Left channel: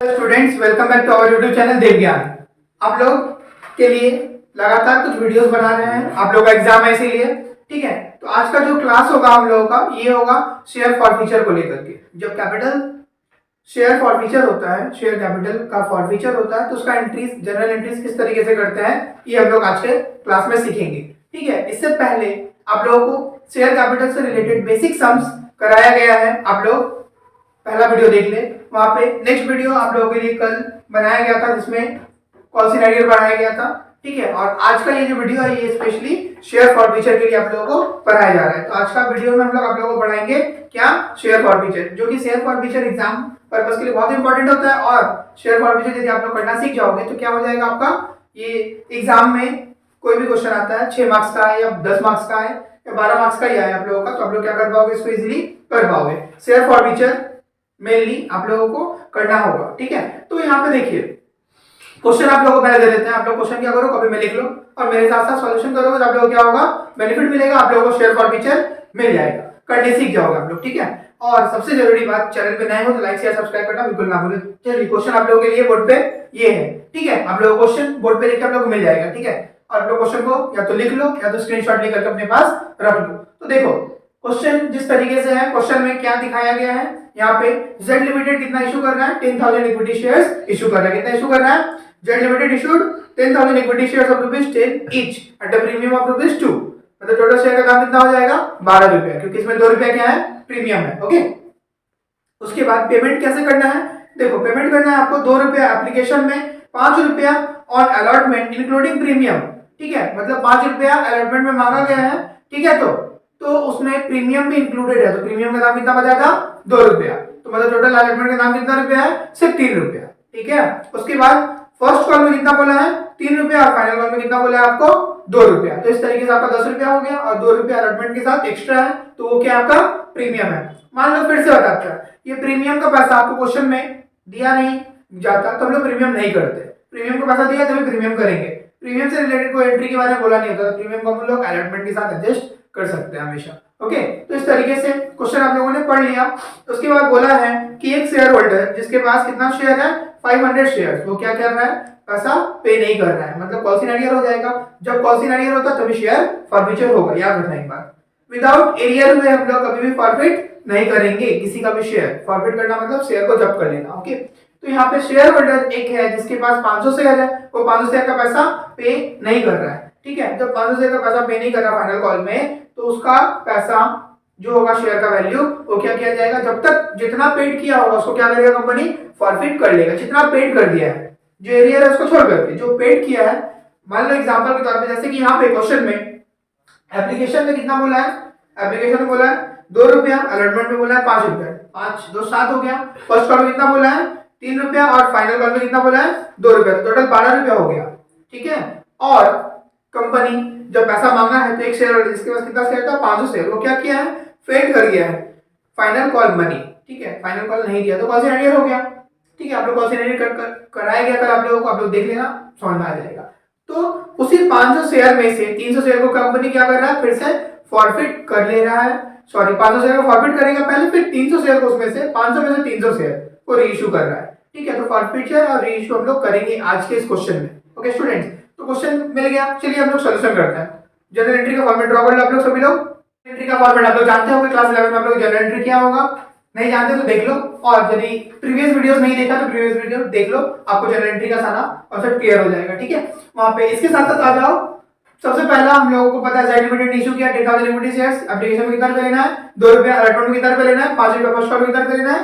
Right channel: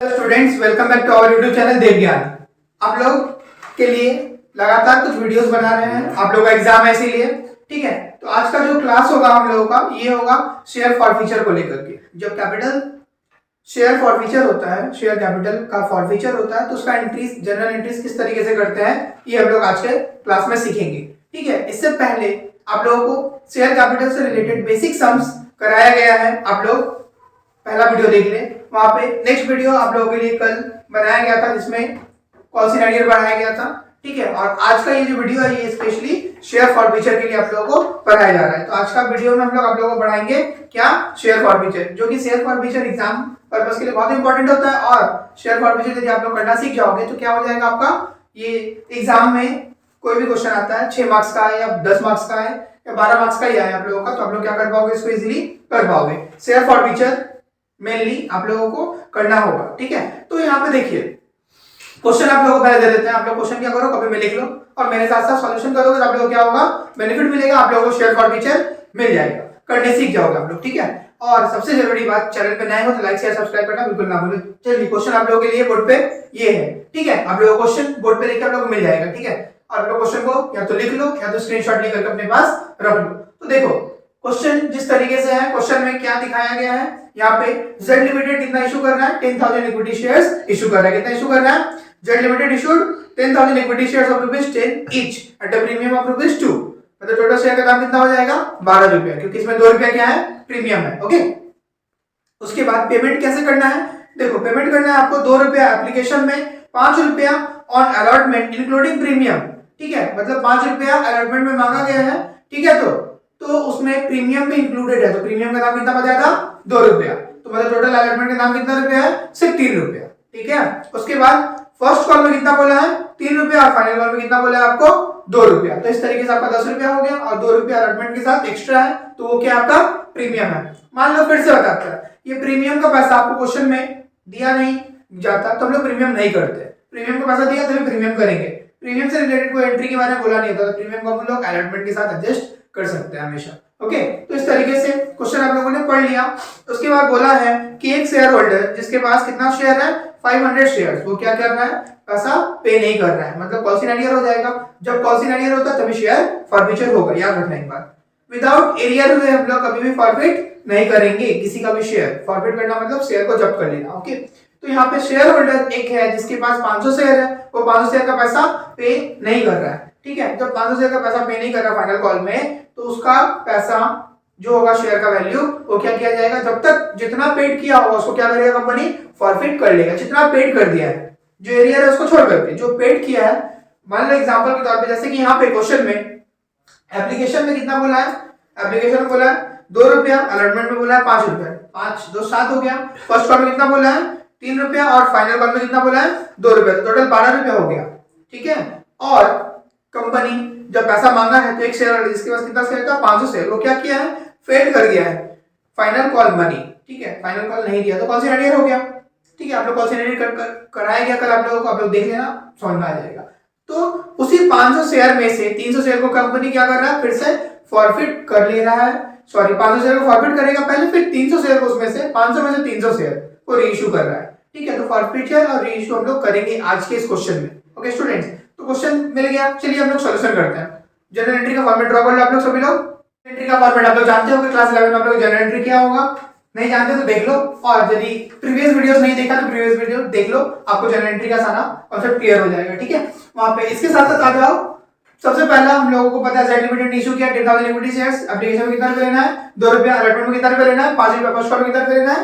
Students, welcome back to our YouTube channel Dev Gyan. आप लोग के लिए लगातार कुछ वीडियोस बना रहे हैं, आप लोग का एग्जाम है इसीलिए। ठीक है, तो आज का जो क्लास होगा हम लोगों का ये होगा शेयर फॉरफीचर को लेकर के। जब कैपिटल शेयर फॉरफीचर होता है, शेयर कैपिटल का फॉरफीचर होता है, तो उसका एंट्रीज, जनरल एंट्रीज किस तरीके से करते हैं ये हम लोग आज के क्लास में सीखेंगे। ठीक है, इससे पहले आप लोगों को शेयर कैपिटल से रिलेटेड बेसिक सम्स कराया गया है। आप लोग पहला वीडियो देख ले, वहां पे नेक्स्ट वीडियो आप लोगों के लिए कल बनाया गया था जिसमें कॉल सिनेरियो बनाया गया था। ठीक है, और आज का ये जो वीडियो है ये स्पेशली शेयर फॉरफीचर के लिए आप लोगों को पढ़ाया जा रहा है। तो आज का वीडियो में हम लोग आप लोगों को पढ़ाएंगे क्या, शेयर फॉरफीचर, जो कि शेयर फॉरफीचर एग्जाम पर्पस के लिए बहुत इंपॉर्टेंट होता है। और शेयर फॉरफीचर यदि आप लोग करना सीख जाओगे तो क्या हो जाएगा आपका, ये एग्जाम में कोई भी क्वेश्चन आता है 6 मार्क्स का है या 10 मार्क्स का है या 12 मार्क्स का ही है आप लोगों का, तो आप लोग क्या कर पाओगे, इसको इजिली कर पाओगे। शेयर फॉरफीचर मेनली आप लोगों को करना होगा। ठीक है, तो यहाँ पे देखिए क्वेश्चन आप लोगों को पहले दे देते हैं। आप लोग क्वेश्चन क्या करो, कॉपी में लिख लो और मेरे साथ साथ सॉल्यूशन करोगे तो आप लोगों को क्या होगा, बेनिफिट मिलेगा, आप लोगों को शेयर फॉरफीचर मिल जाएगा, करने सीख जाओगे आप लोग। ठीक है, और सबसे जरूरी बात, चैनल पे नए हो तो लाइक शेयर सब्सक्राइब करना बिल्कुल ना भूलें। चलिए, क्वेश्चन आप लोगों के लिए बोर्ड पे ये है। ठीक है, आप लोगों को क्वेश्चन बोर्ड पे लिखकर आप लोगों को मिल जाएगा। ठीक है, और आप लोग क्वेश्चन को या तो लिख लो या तो स्क्रीनशॉट लेकर अपने पास रख लो। तो देखो क्वेश्चन जिस तरीके से है, क्वेश्चन में क्या दिखाया गया है, यहाँ पे जेड लिमिटेड कितना इशू करना है, 10,000 इक्विटी शेयर्स इशू कर रहा है। कितना इशू कर रहा है, Z limited issued 10,000 equity shares of ₹10 each at a premium of ₹2। मतलब टोटल शेयर का दाम कितना हो जाएगा, ₹12, क्योंकि इसमें ₹2 क्या है, प्रीमियम है। ओके, उसके बाद पेमेंट कैसे करना है, देखो पेमेंट करना है आपको ₹2 एप्लीकेशन में, ₹5 ऑन अलॉटमेंट इंक्लूडिंग प्रीमियम। ठीक है, मतलब ₹5 अलॉटमेंट में मांगा गया है। ठीक है, तो उसमें प्रीमियम भी इंक्लूडेड है, तो प्रीमियम का दाम कितना बचा था, ₹2। तो मतलब टोटल अलॉटमेंट का दाम कितना रुपया है, सिर्फ ₹3। ठीक है, उसके बाद फर्स्ट कॉल में कितना बोला है, ₹3 और फाइनल कॉल में कितना बोला है आपको, ₹2। तो इस तरीके से आपका ₹10 हो गया और ₹2 अलॉटमेंट के साथ एक्स्ट्रा है, तो वो क्या आपका प्रीमियम है। मान लो फिर से बताता है, ये प्रीमियम का पैसा आपको क्वेश्चन में दिया नहीं जाता तो हम लोग प्रीमियम नहीं करते। प्रीमियम का पैसा दिया तभी प्रीमियम करेंगे। प्रीमियम से रिलेटेड कोई एंट्री के बारे में बोला नहीं होता, तो प्रीमियम को हम लोग अलॉटमेंट के साथ एडजस्ट कर सकते हैं हमेशा। ओके, तो इस तरीके से क्वेश्चन आप लोगों ने पढ़ लिया। उसके बाद बोला है कि एक शेयर होल्डर जिसके पास कितना शेयर है, 500 शेयर्स, वो क्या कर रहा है, पैसा पे नहीं कर रहा है, मतलब कॉल सिनेरियो हो जाएगा। जब कॉल सिनेरियो होता है तभी शेयर फॉरफीचर होगा, याद रखना एक बार। विदाउट एरियर में हम लोग कभी भी फॉरफिट नहीं करेंगे किसी का भी शेयर। फॉरफिट करना मतलब शेयर को जब्त कर लेना। ओके, तो यहाँ पे शेयर होल्डर एक है जिसके पास 500 शेयर है, वो 500 शेयर का पैसा पे नहीं कर रहा है। ठीक है, जब 500 शेयर का पैसा पे नहीं कर रहा फाइनल कॉल में, तो उसका पैसा जो होगा शेयर का वैल्यू, वो क्या किया जाएगा, जब तक जितना पेड किया होगा उसको क्या करेगा कंपनी, फॉरफिट कर लेगा। जितना पेड कर दिया है, जो एरिया है उसको छोड़ करके जो पेड किया है। मान लो एग्जांपल के तौर पे, जैसे कि यहाँ पे क्वेश्चन में एप्लीकेशन में कितना बोला है, एप्लीकेशन में बोला है ₹2, अलॉटमेंट में बोला है ₹5, 5 2 7 हो गया। फर्स्ट कॉल में कितना बोला है, ₹3 और फाइनल कॉल में कितना बोला है, ₹2, तो टोटल ₹12 हो गया। ठीक है, और कंपनी जब पैसा मांगा है तो एक शेयर होल्डर जिसके पास कितना शेयर था, 500 शेयर, वो क्या किया है, फेड कर गया है फाइनल कॉल मनी। ठीक है, फाइनल कॉल नहीं दिया तो कॉल सिनेरियो हो गया। ठीक है, आप लोग कॉल सिनेरियो कराया गया कल आप लोगों को, आप लोग देख लेना, समझ में आ जाएगा। तो उसी 500 शेयर में से 300 शेयर को कंपनी क्या कर रहा है, फिर से फॉरफिट कर ले रहा है। सॉरी, 500 शेयर को फॉरफिट करेगा पहले, फिर 300 शेयर को उसमें से 500 में से 300 शेयर को रीइश्यू कर रहा है। ठीक है, तो फॉरफिचर और रीइश्यू हम लोग करेंगे आज के इस क्वेश्चन में। ओके स्टूडेंट्स, तो क्वेश्चन मिल गया। चलिए हम लोग सॉल्यूशन करते हैं। जनरल एंट्री का फॉर्मेट ड्रॉ कर लो आप लोग सभी लोग। एंट्री का फॉर्मेट आप लोग जानते होंगे, क्लास 11 में आप लोग जनरल एंट्री क्या होगा, नहीं जानते तो देख लो, और यदि प्रीवियस वीडियोस नहीं देखा तो प्रीवियस वीडियो देख लो, आपको जनरल एंट्री का सारा कॉन्सेप्ट क्लियर हो जाएगा। ठीक है, वहां पे इसके साथ साथ आ जाओ। सबसे पहला हम लोगों को पता है जेड लिमिटेड ने इशू किया 10,000 इक्विटी शेयर्स, एप्लीकेशन में कितना रुपया लेना है, ₹2, अलॉटमेंट में कितना रुपया लेना है, ₹5 फर्स्ट कॉल में कितना रुपया लेना है,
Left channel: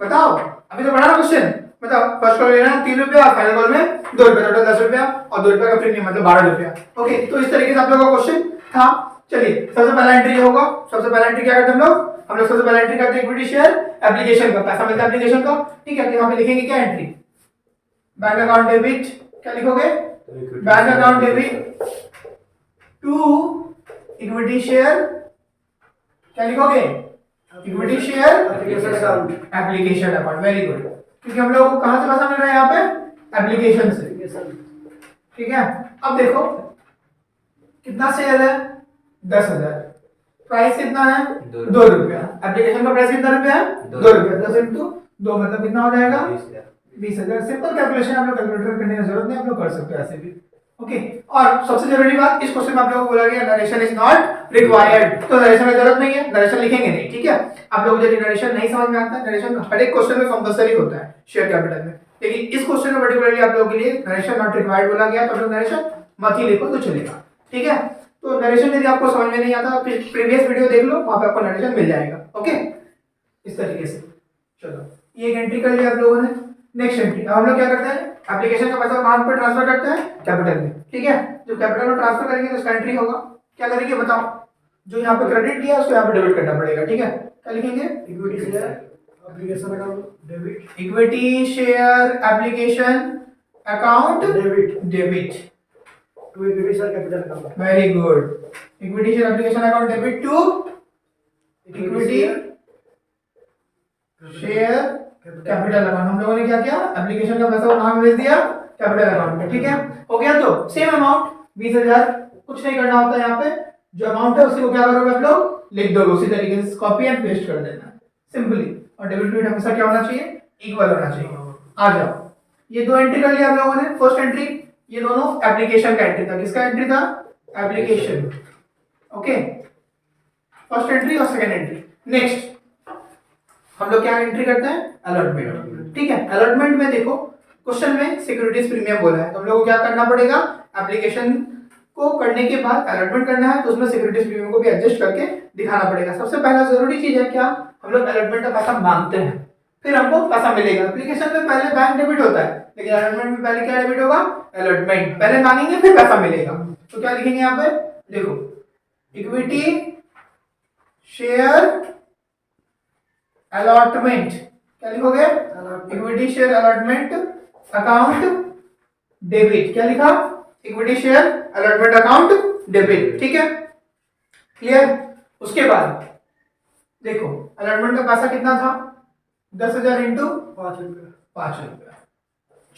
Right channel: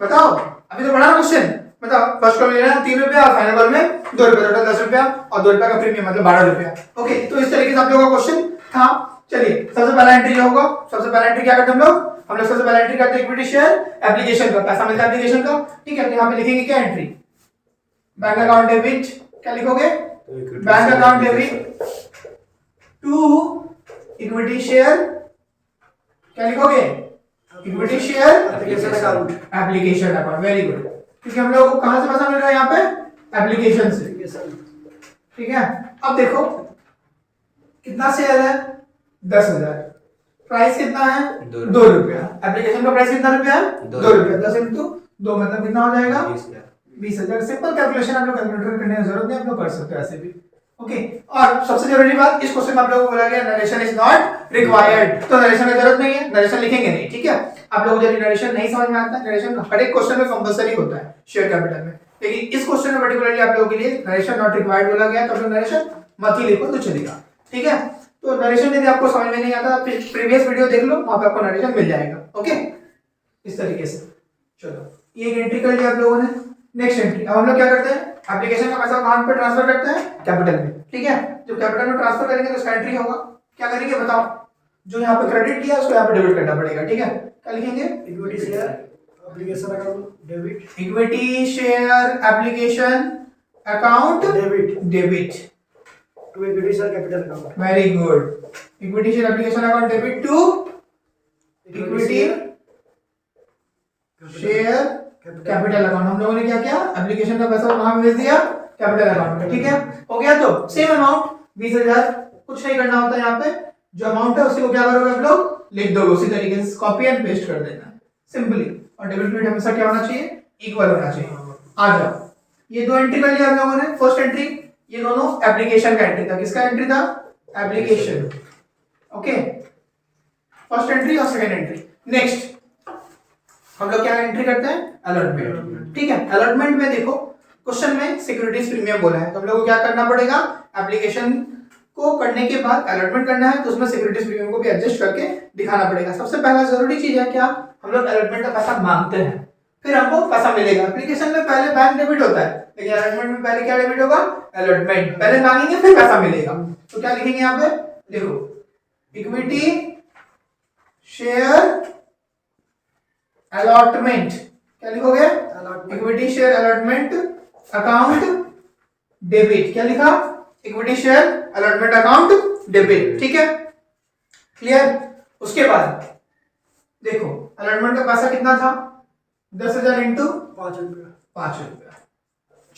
बताओ। अभी तो पढ़ा ना क्वेश्चन, बताओ। फर्स्ट कॉल में लेना है ₹3 और फाइनल कॉल में ₹2, टोटल ₹10 और ₹2 का प्रीमियम मतलब ₹12। ओके, तो इस तरीके से आप लोगों का क्वेश्चन था। चलिए, सबसे पहला एंट्री जो होगा, सबसे पहला एंट्री क्या करते हैं हम लोग सबसे पहला एंट्री करते हैं इक्विटी शेयर एप्लीकेशन का, पैसा मिलता है एप्लीकेशन का। ठीक है, तो यहाँ पे लिखेंगे क्या एंट्री, बैंक अकाउंट डेबिट, क्या लिखोगे, bank account debit to equity share, क्या लिखोगे, equity share application account. Very good, क्योंकि हम लोगों को कहां से पैसा मिल रहा है, यहाँ पे एप्लीकेशन से। ठीक है, अब देखो कितना शेयर है, 10,000, प्राइस कितना है, ₹2। एप्लीकेशन का प्राइस कितना रुपया है, ₹2। 10 × 2 मतलब कितना हो जाएगा, 20,000। सिंपल कैलकुलेशन, आप लोग कैलकुलेटर करने की जरूरत नहीं, आप लोग कर सकते हो ऐसे भी। ओके, और सबसे जरूरी बात, इस क्वेश्चन में आप लोगों को बोला गया नरेशन इज नॉट रिक्वायर्ड, तो नरेशन की जरूरत नहीं है, नरेशन लिखेंगे नहीं, ठीक है। आप लोगों को यदि नरेशन नहीं समझ में आता है, नरेशन हर एक क्वेश्चन में कंपलसरी होता है शेयर कैपिटल में, लेकिन इस क्वेश्चन में पर्टिकुलरली आप लोगों के लिए नरेशन नॉट रिक्वायर्ड बोला गया, तो आप लोग नरेशन मत ही लिखो तो चलेगा, ठीक है। तो नरेशन यदि आपको समझ में नहीं आता, प्रीवियस वीडियो देख लो, वहां पे आपको नरेशन मिल जाएगा। ओके, इस तरीके से। चलो, ये एक एंट्री कर लिया आप लोगों ने। नेक्स्ट एंट्री, अब हम लोग क्या करते हैं, एप्लीकेशन का पैसा कहां पे ट्रांसफर करते हैं, कैपिटल में, ठीक है। जब कैपिटल में ट्रांसफर करेंगे तो उसका एंट्री होगा, क्या करेंगे बताओ, जो यहाँ पे क्रेडिट किया उसको यहाँ पे डेबिट करना पड़ेगा, ठीक है। क्या लिखेंगे, equity share application account debit, equity share application account debit debit to equity share capital account, very good. Equity share application account debit to equity share capital account. हम लोगों ने क्या किया, एप्लीकेशन का पैसा कहां भेज दिया, कैपिटल अकाउंट में, ठीक है। हो गया, तो सेम अमाउंट 20,000, कुछ नहीं करना होता यहाँ पे, जो अमाउंट है उसी को क्या करोगे आप लोग, लिख दोगे उसी तरीके से, कॉपी एंड पेस्ट कर देना सिंपली। और डेबिट क्रेडिट हमेशा क्या होना चाहिए, इक्वल होना चाहिए। आ जाओ, ये दो एंट्री कर लिया आप लोगों ने। फर्स्ट एंट्री, ये दोनों एप्लीकेशन का एंट्री था, किसका एंट्री था, एप्लीकेशन, ओके, फर्स्ट एंट्री और सेकंड एंट्री। नेक्स्ट हम लोग क्या एंट्री करते हैं, अलॉटमेंट, ठीक है। अलॉटमेंट में देखो क्वेश्चन में सिक्योरिटीज प्रीमियम बोला है, तो हम लोग को क्या करना पड़ेगा, एप्लीकेशन को करने के बाद अलॉटमेंट करना है, तो उसमें सिक्योरिटीज प्रीमियम को भी एडजस्ट करके दिखाना पड़ेगा। सबसे पहला जरूरी चीज है क्या, हम लोग अलॉटमेंट का पैसा मांगते हैं, फिर हमको पैसा मिलेगा। एप्लीकेशन में पहले बैंक डेबिट होता है, लेकिन अलॉटमेंट में पहले क्या डेबिट होगा, अलॉटमेंट, पहले मांगेंगे फिर पैसा मिलेगा। तो क्या लिखेंगे यहाँ पे, देखो, इक्विटी शेयर अलॉटमेंट, क्या लिखोगे, equity share allotment account debit, क्या लिखा, equity share allotment account debit, ठीक है, क्लियर। उसके बाद देखो अलॉटमेंट का पैसा कितना था, 10,000 इंटू 5 रुपया, 5 रुपया,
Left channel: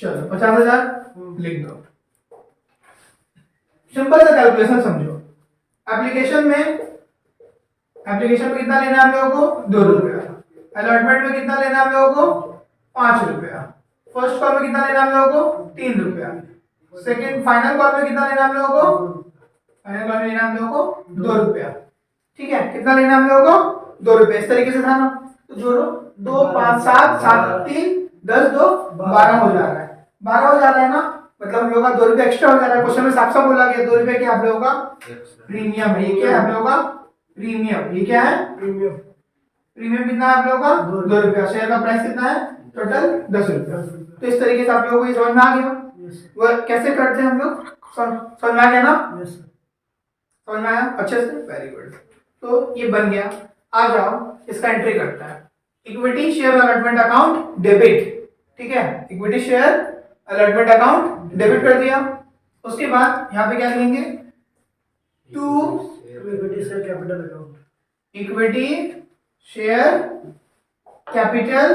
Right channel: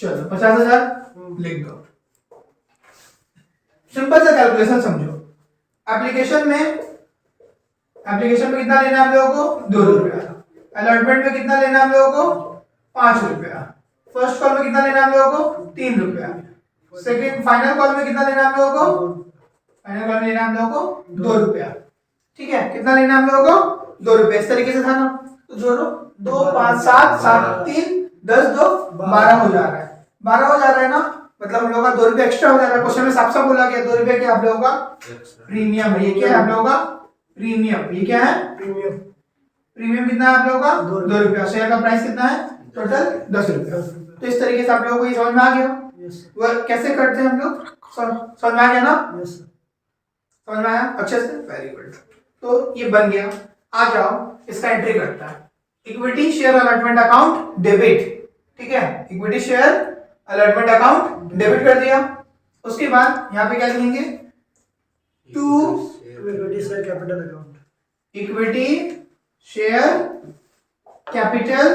चलो 50,000 लिख दो। सिंपल सा कैलकुलेशन समझो, एप्लीकेशन में कितना लेना है आप लोगों को, 2 रुपया, अलॉटमेंट में कितना लेना है आप लोगों को, 5 रुपया, फर्स्ट कॉल में कितना लेना है आप लोगों को, 3 रुपया, सेकंड फाइनल कॉल में कितना लेना है आप लोगों को, फाइनल कॉल में लेना है आप लोगों को 2 रुपया, ठीक है। कितना लेना है हम लोगों को, 2 रुपया, इस तरीके से था ना। तो जोड़ो, 2 5 7 7 3 10 2 12 हो जा रहा है, 12 हो जा रहा है ना, मतलब हम लोगों का 2 रुपया एक्स्ट्रा हो जा रहा है। क्वेश्चन में साफ साफ बोला गया 2 रुपया क्या आप लोगों का प्रीमियम है, ये क्या है आप लोगों का प्रीमियम, ये क्या है प्रीमियम, प्रीमियम कितना है आप लोगों का 2 रुपया, शेयर का प्राइस कितना है टोटल 10 रुपया। तो इस तरीके से आप लोगों को ये समझ में आ गया, वो कैसे करते हैं हम लोग, समझ में आ गया ना, समझ में आया अच्छे से, वेरी गुड। तो ये बन गया। आ जाओ इसका एंट्री करता है, equity share allotment account debit, ठीक है, equity share allotment account debit कर दिया। उसके बाद यहाँ पे क्या लिखेंगे, to equity share capital account, equity share capital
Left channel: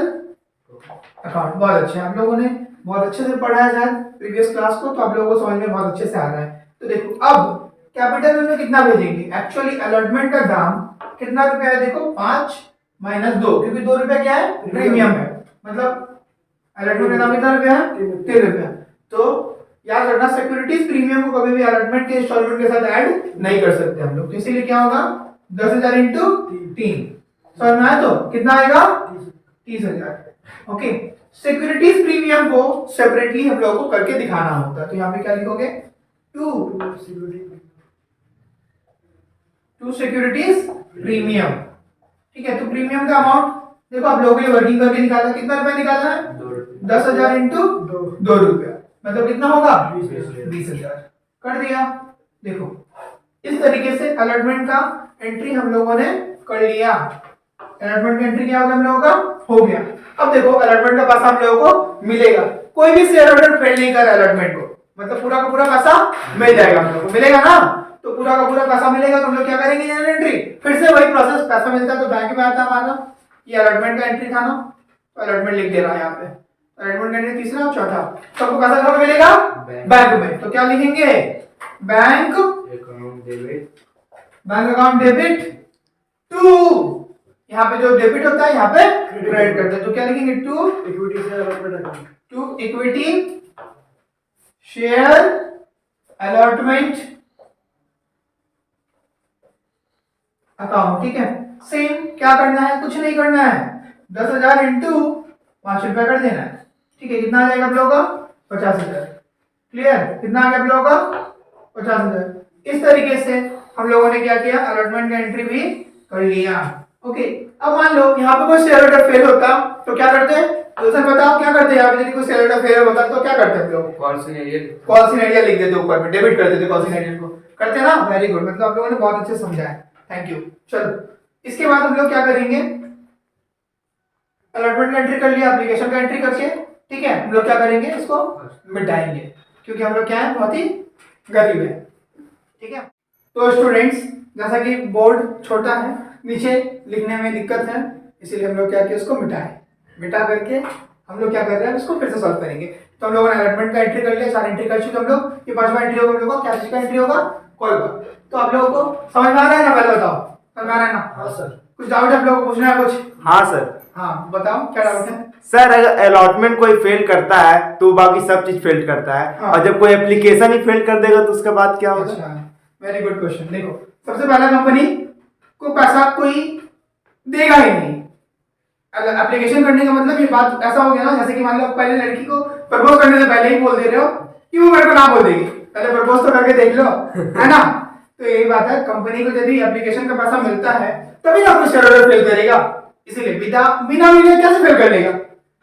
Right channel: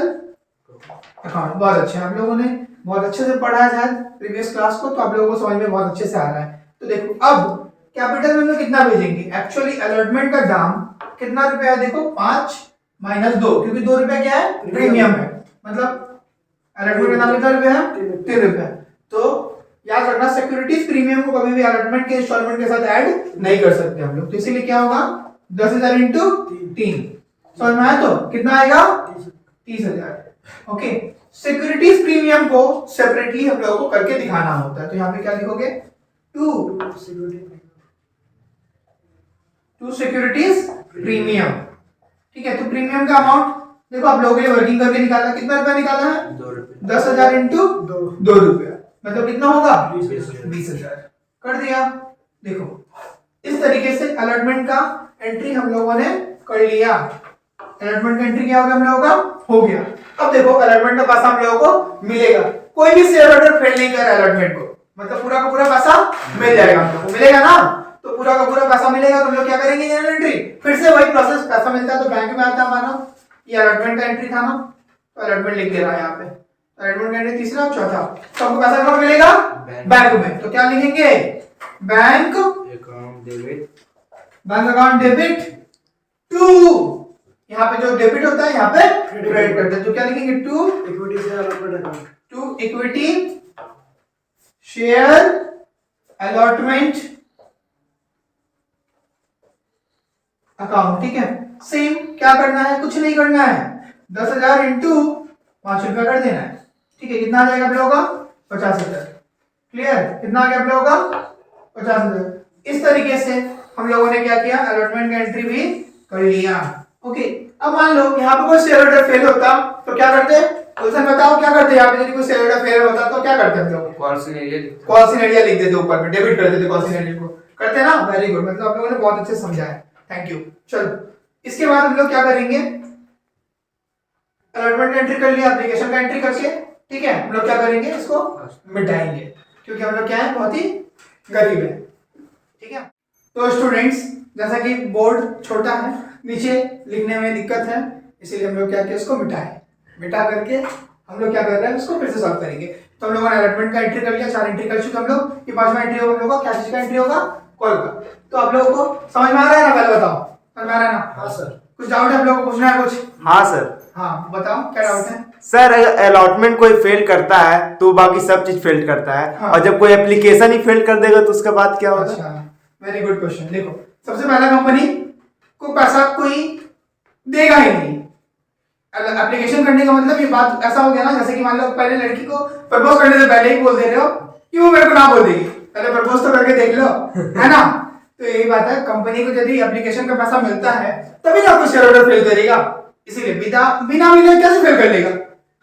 account. बहुत अच्छे, आप लोगों ने बहुत अच्छे से पढ़ा है शायद प्रीवियस क्लास को, तो आप लोगों को समझ में बहुत अच्छे से आ रहा है। तो देखो अब कैपिटल में कितना भेजेंगे, एक्चुअली अलॉटमेंट का दाम कितना रुपया है, देखो 5 - 2, क्योंकि 2 रुपया क्या है प्रीमियम है, मतलब अलॉटमेंट का दाम कितना रुपया है 3 रुपया। तो याद रखना सिक्योरिटीज प्रीमियम को कभी भी अलॉटमेंट के इंस्टॉलमेंट के साथ ऐड नहीं कर सकते हम लोग, तो इसीलिए क्या होगा 10,000 इंटू 3, समझ में आया, तो कितना आएगा 30,000। ओके, सिक्योरिटीज प्रीमियम को सेपरेटली हम लोगों को करके दिखाना होता है, तो यहाँ पे क्या लिखोगे, टू सिक्योरिटीज प्रीमियम, ठीक है। तो प्रीमियम का अमाउंट देखो आप लोगों के लिए वर्किंग करके निकाला, कितना रुपया निकाला है 10,000 इंटू 2 रुपया, मतलब कितना होगा 20,000 कर दिया। देखो इस तरीके से अलॉटमेंट का एंट्री हम लोगों ने कर लिया, अलॉटमेंट का एंट्री क्या हो गया हम लोगों का, हो गया। अब देखो अलॉटमेंट का पैसा हम लोगों को मिलेगा, कोई भी शेयर होल्डर फेल नहीं कर अलॉटमेंट को, मतलब पूरा का पूरा पैसा मिल जाएगा हम लोगों को, मिलेगा ना, तो पूरा का पूरा पैसा मिलेगा। तो हम लोग क्या करेंगे जनरल एंट्री, फिर से वही प्रोसेस, पैसा मिलता है तो बैंक में आता है हमारा, ये अलॉटमेंट का एंट्री था ना, तो अलॉटमेंट लिख दे रहा है यहाँ पे, अलॉटमेंट का एंट्री तीसरा और चौथा, तो हमको पैसा कहाँ मिलेगा बैंक में, तो क्या लिखेंगे bank account debit, bank account debit to, यहाँ पे जो डेबिट होता है यहाँ पे क्रेडिट करते हैं, तो क्या लिखेंगे to equity share allotment account, to equity share allotment account. ठीक है, सेम क्या करना है, कुछ नहीं करना है, 10,000 इंटू 5 रुपया कर देना है। ठीक है, कितना आ जाएगा आप लोगों का? 50,000। क्लियर? कितना आ गया आप लोगों का? 50,000। इस तरीके से हम लोगों ने क्या किया, अलॉटमेंट का एंट्री भी कर लिया। ओके, अब मान लो यहाँ पे कोई शेयर होल्डर फेल होता तो क्या करते हैं? क्वेश्चन बताओ क्या करते हैं यहाँ पे? यदि कोई शेयर होल्डर फेल होता तो क्या करते हैं हम लोग? कॉल सिनेरियो लिख देते ऊपर में, डेबिट कर देते कॉल सिनेरियो को। करते हैं ना? वेरी गुड, मतलब आप लोगों ने बहुत अच्छे समझा है, थैंक यू। चलो, इसके बाद हम लोग क्या करेंगे, अलॉटमेंट का एंट्री कर लिया, एप्लीकेशन का एंट्री करके, ठीक है, हम लोग क्या करेंगे, इसको मिटाएंगे, क्योंकि हम लोग क्या है, बहुत ही गरीब है। ठीक है, तो स्टूडेंट्स, जैसा कि बोर्ड छोटा है, नीचे लिखने में दिक्कत है, इसीलिए हम लोग क्या किया, उसको मिटा करके हम लोग क्या कर रहे हैं, उसको फिर से सॉल्व करेंगे। तो हम लोगों ने अलॉटमेंट का एंट्री कर लिया, 4 एंट्री कर चुके हम लोग। ये 5वां एंट्री होगा हम लोग का, क्या चीज का एंट्री होगा? कॉल का। तो आप लोगों को समझ में आ रहा है ना? पहले बताओ, समझ में आ रहा है ना? हाँ सर। कुछ डाउट है आप लोगों को, पूछना है कुछ? हाँ सर। हाँ बताओ, क्या डाउट है? सर अगर अलॉटमेंट कोई फेल करता है तो बाकी सब चीज फेल करता है, हाँ। और जब कोई एप्लीकेशन ही फेल कर देगा तो उसके बाद क्या होगा? अच्छा, वेरी गुड क्वेश्चन। देखो, सबसे पहला कंपनी को पैसा कोई देगा ही नहीं। एप्लीकेशन करने का मतलब ये बात ऐसा हो गया ना, जैसे कि मान लो पहले लड़की को प्रपोज करने से पहले ही बोल दे रहे हो कि वो मेरे को ना बोल देगी, पहले प्रपोज तो करके देख लो, है ना? तो यही बात है, कंपनी को यदि एप्लीकेशन का पैसा मिलता है तभी ना कोई शेयर होल्डर फेल करेगा। इसीलिए बिना मिले कैसे फेल कर लेगा?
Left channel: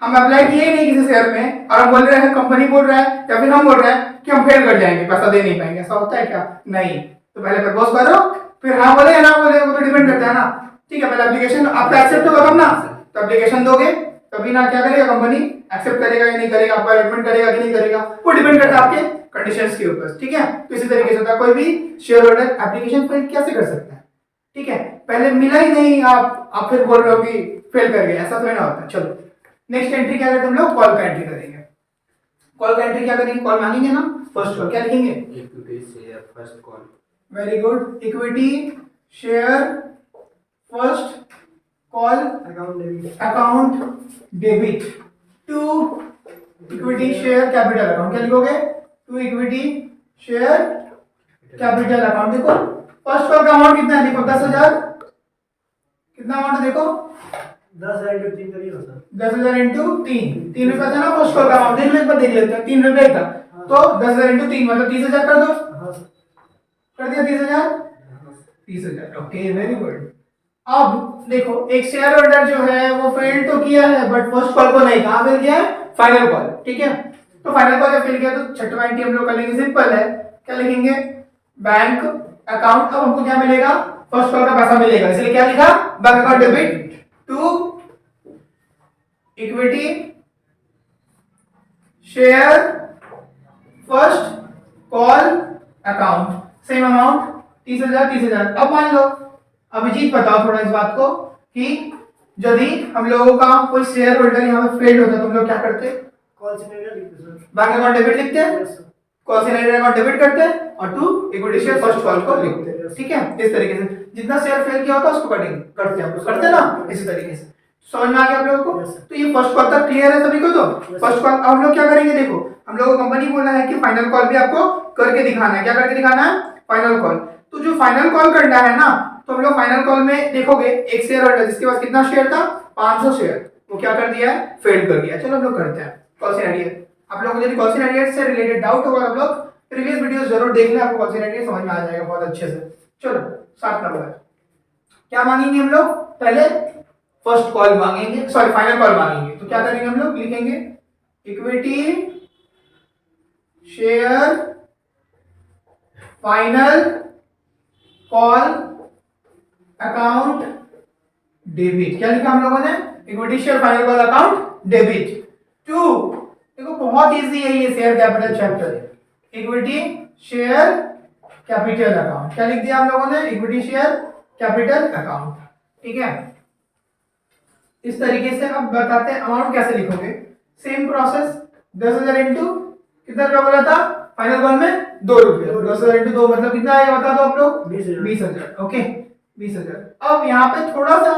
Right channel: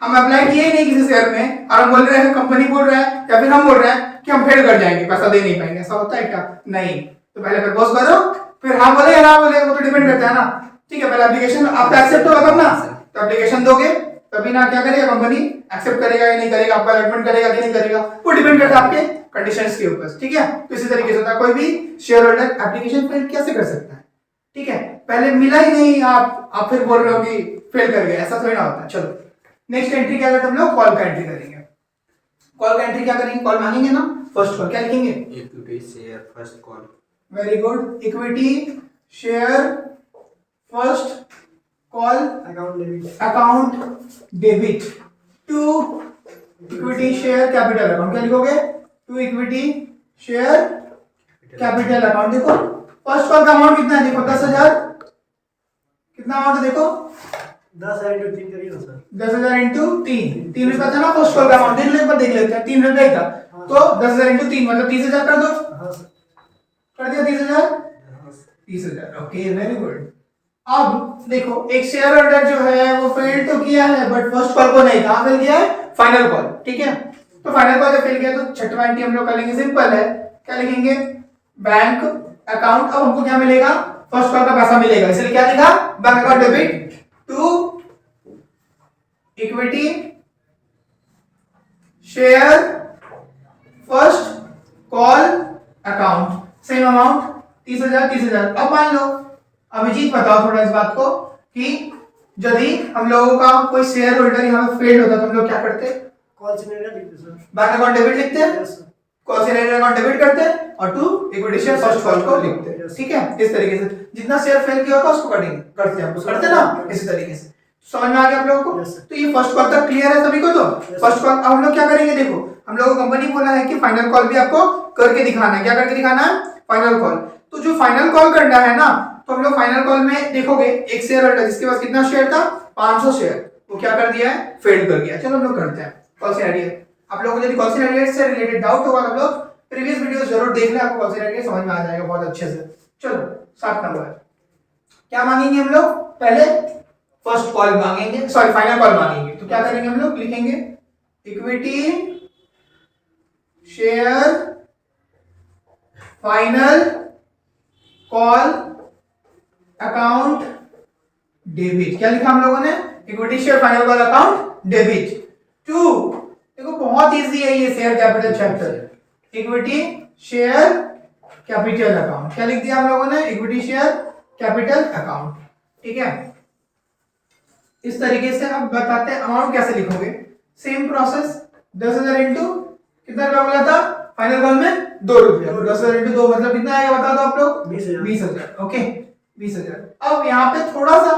हम अप्लाई किए ही नहीं किसी शेयर में और हम बोल रहे हैं, कंपनी बोल रहा है या फिर हम बोल रहे हैं कि हम फेल कर जाएंगे, पैसा दे नहीं पाएंगे, ऐसा होता है क्या? नहीं। तो पहले प्रपोज करो, फिर हाँ बोले या ना बोले, वो तो डिपेंड करता है ना। ठीक है, पहले एप्लीकेशन आपका एक्सेप्ट होगा तब ना, तो एप्लीकेशन दोगे तभी ना क्या करेगा कंपनी, एक्सेप्ट करेगा या नहीं करेगा, आपका अलॉटमेंट करेगा कि नहीं करेगा, वो डिपेंड करता है आपके कंडीशंस के ऊपर। ठीक है, तो इसी तरीके से होता है, कोई भी शेयर होल्डर एप्लीकेशन फेल कैसे कर सकता है? ठीक है, पहले मिला ही नहीं, आप फिर बोल रहे हो कि फेल कर गए, ऐसा थोड़ी ना होता है। चलो, नेक्स्ट एंट्री क्या करते हैं हम लोग? कॉल का एंट्री करेंगे। कॉल का एंट्री क्या करेंगे? कॉल मांगेंगे ना, फर्स्ट कॉल क्या लिखेंगे? Equity share first call. Very good, equity share first call account debit to equity share capital account. क्या लिखोगे? To equity share capital account. देखो फर्स्ट कॉल का अमाउंट कितना है, देखो 10,000। कितना अमाउंट है देखो? 10,000 इंटू 3 करिए ना सर। 10,000 इंटू 3 रुपया था ना फर्स्ट कॉल का अमाउंट, देख लेते हैं, 3 रुपया ही था। तो 10,000 इंटू 3 मतलब 30,000 कर दो। हाँ सर। कर दिया 30,000? 30,000, ओके, वेरी गुड। अब देखो, एक शेयर होल्डर जो है वो फेल तो किया है, बट फर्स्ट कॉल को नहीं, कहां फेल किया है? Final call. ठीक है, तो फाइनल कॉल जब फेल किया तो छठवां एंट्री हम लोग कर लेंगे, सिंपल है। क्या लिखेंगे? Bank account. अब हमको क्या मिलेगा? फर्स्ट कॉल का पैसा मिलेगा, इसलिए क्या लिखा? Bank account debit to equity share first call account, same amount 30,000। अब मान लो, अभिजीत बताओ थोड़ा इस बात को कि यदि हम लोगों का कोई शेयर होल्डर यहाँ पे फेल होता तो हम लोग क्या करते? कॉल सिनेरियो लिखते सर। बैंक अकाउंट डेबिट लिखते हैं, yes sir. Call scenario account debit करते हैं और to equity share first call को लिखते हैं। ठीक है, इस तरीके से जितना शेयर फेल किया होता है उसको करते हैं हम लोग, करते हैं ना, इसी तरीके से। समझ में आ गया आप लोगों को? Yes, sir. तो ये फर्स्ट कॉल तक क्लियर है सभी को? तो Yes, फर्स्ट कॉल हम लोग क्या करेंगे, देखो हम लोगों को कंपनी बोला है कि फाइनल कॉल भी आपको करके दिखाना है। क्या करके दिखाना है? Final call. तो जो फाइनल कॉल करना है ना, तो हम लोग फाइनल कॉल में देखोगे एक शेयर होल्डर जिसके पास कितना शेयर था? 500 शेयर, वो क्या कर दिया है? फेल कर गया। चलो हम लोग करते हैं कॉल सिनेरियो। आप लोगों को यदि कॉल सिनेरियो से रिलेटेड डाउट होगा आप लोग प्रीवियस वीडियोस जरूर देख लें, आपको कॉल सिनेरियो समझ में आ जाएगा बहुत अच्छे से। चलो 7 नंबर क्या मांगेंगे हम लोग? पहले फर्स्ट कॉल मांगेंगे, सॉरी फाइनल कॉल मांगेंगे। तो क्या करेंगे हम लोग? लिखेंगे equity share final call account debit. क्या लिखा हम लोगों ने? Equity share final call account debit to, देखो बहुत इजी है ये share capital chapter. Equity share capital account क्या लिख दिया हम लोगों ने? Equity share capital account. ठीक है, इस तरीके से अब बताते हैं अमाउंट कैसे लिखोगे। सेम प्रोसेस, 10,000 इंटू कितना रुपया बोला था फाइनल कॉल में? 2 रुपया। 10,000 इंटू 2 मतलब कितना आएगा बता दो आप लोग? 20,000। ओके 20,000। अब यहाँ पे थोड़ा सा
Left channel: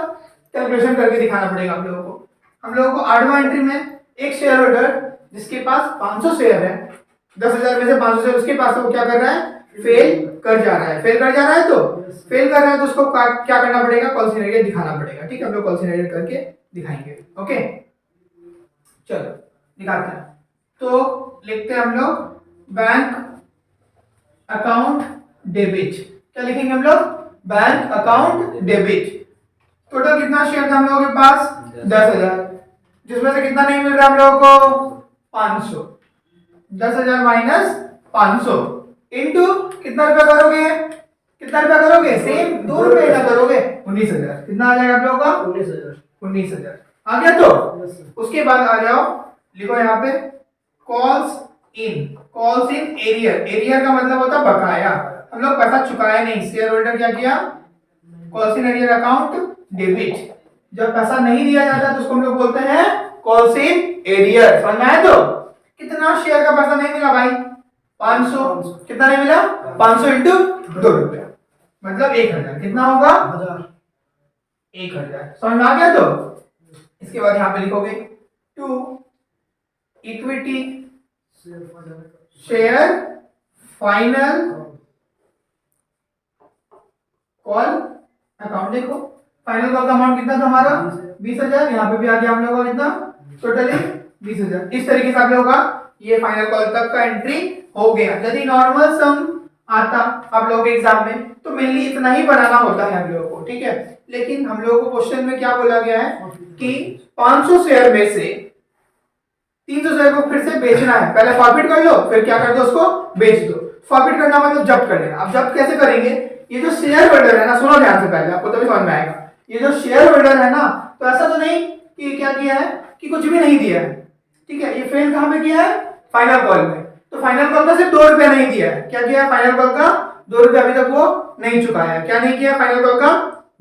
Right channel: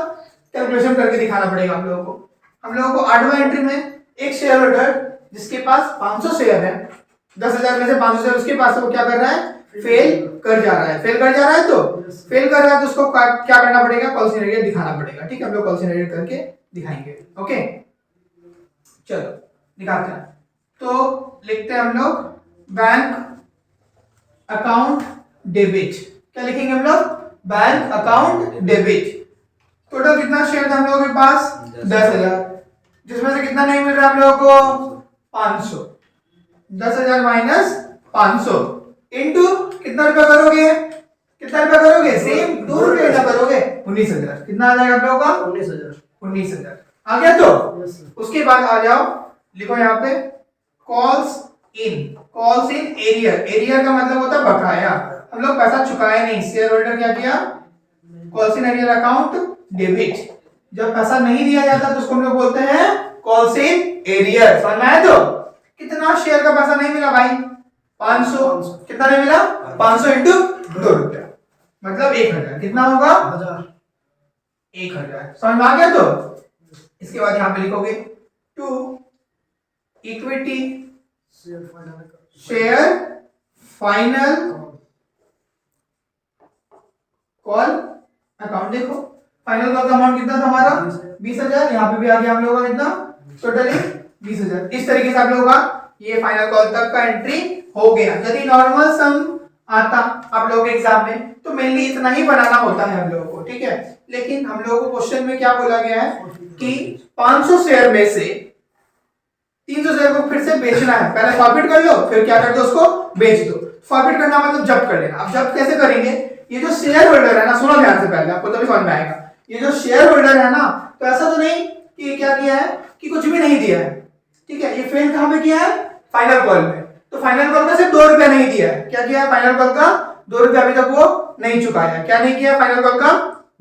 कैलकुलेशन करके दिखाना पड़ेगा हम लोगों को। हम लोगों को 8वां एंट्री में एक शेयर होल्डर जिसके पास 500 शेयर है, 10,000 में से 500 शेयर उसके पास है, वो क्या कर रहा है, फेल कर जा रहा है। फेल कर जा रहा है तो फेल कर रहा है तो उसको क्या करना पड़ेगा, कॉल सिनेरियो दिखाना पड़ेगा। ठीक है, हम लोग कॉल सिनेरियो करके दिखाएंगे। ओके चलो दिखाते हैं। तो लिखते हैं हम लोग बैंक अकाउंट डेबिट। क्या लिखेंगे हम लोग, बैंक अकाउंट डेबिट। टोटल कितना शेयर था हम लोगों के पास, 10,000, जिसमें से कितना नहीं मिल रहा हम लोगों को, 500। 10,000 माइनस 500 इंटू कितना रुपया करोगे, कितना रुपया करोगे, सेम 2 रुपये ना करोगे, 19,000। कितना आ जाएगा आप लोगों का, 19,000। 19,000 आ गया। तो यस सर। उसके बाद आ जाओ, लिखो यहाँ पे कॉल्स इन एरियर। एरियर का मतलब होता है बकाया। हम लोग पैसा चुकाया नहीं, शेयर होल्डर क्या किया, calls in arrear account debit. जब पैसा नहीं दिया जाता तो उसको हम लोग बोलते हैं कॉल्स इन एरियर। समझ में आया। तो कितना शेयर का पैसा नहीं मिला भाई, 500। कितना नहीं मिला, 500 इंटू 2 रुपया, मतलब 1,000। कितना होगा, 1,000। समझ में आ गया। तो इसके बाद यहाँ पे लिखोगे to equity share final call account. देखो फाइनल कॉल का अमाउंट कितना था हमारा, 20,000। यहाँ पे भी आ गया हम लोगों का कितना, टोटली 20,000। इस तरीके से आप लोगों का ये फाइनल कॉल तक का एंट्री हो गया। यदि नॉर्मल सम आता आप लोगों के एग्जाम में तो मेनली इतना ही बनाना होता है हम लोगों को। ठीक है, लेकिन हम लोगों को क्वेश्चन में क्या बोला गया है कि 500 शेयर में से 300 शेयर को फिर से बेचना है। पहले फॉरफिट कर लो, फिर क्या कर दो, उसको बेच दो। फॉरफिट करना मतलब जब्त कर लेना। अब जब्त कैसे करेंगे, ये जो शेयर होल्डर है ना, सुनो ध्यान से पहले, आपको तभी समझ में आएगा। ये जो शेयर होल्डर है ना, तो ऐसा तो नहीं कि क्या किया है कि कुछ भी नहीं दिया है। ठीक है, ये फेल कहां पे किया है, फाइनल कॉल में। तो फाइनल कॉल का सिर्फ 2 रुपया नहीं दिया है। क्या किया है, फाइनल कॉल का 2 रुपया अभी तक वो नहीं चुकाया है। क्या नहीं किया, फाइनल कॉल का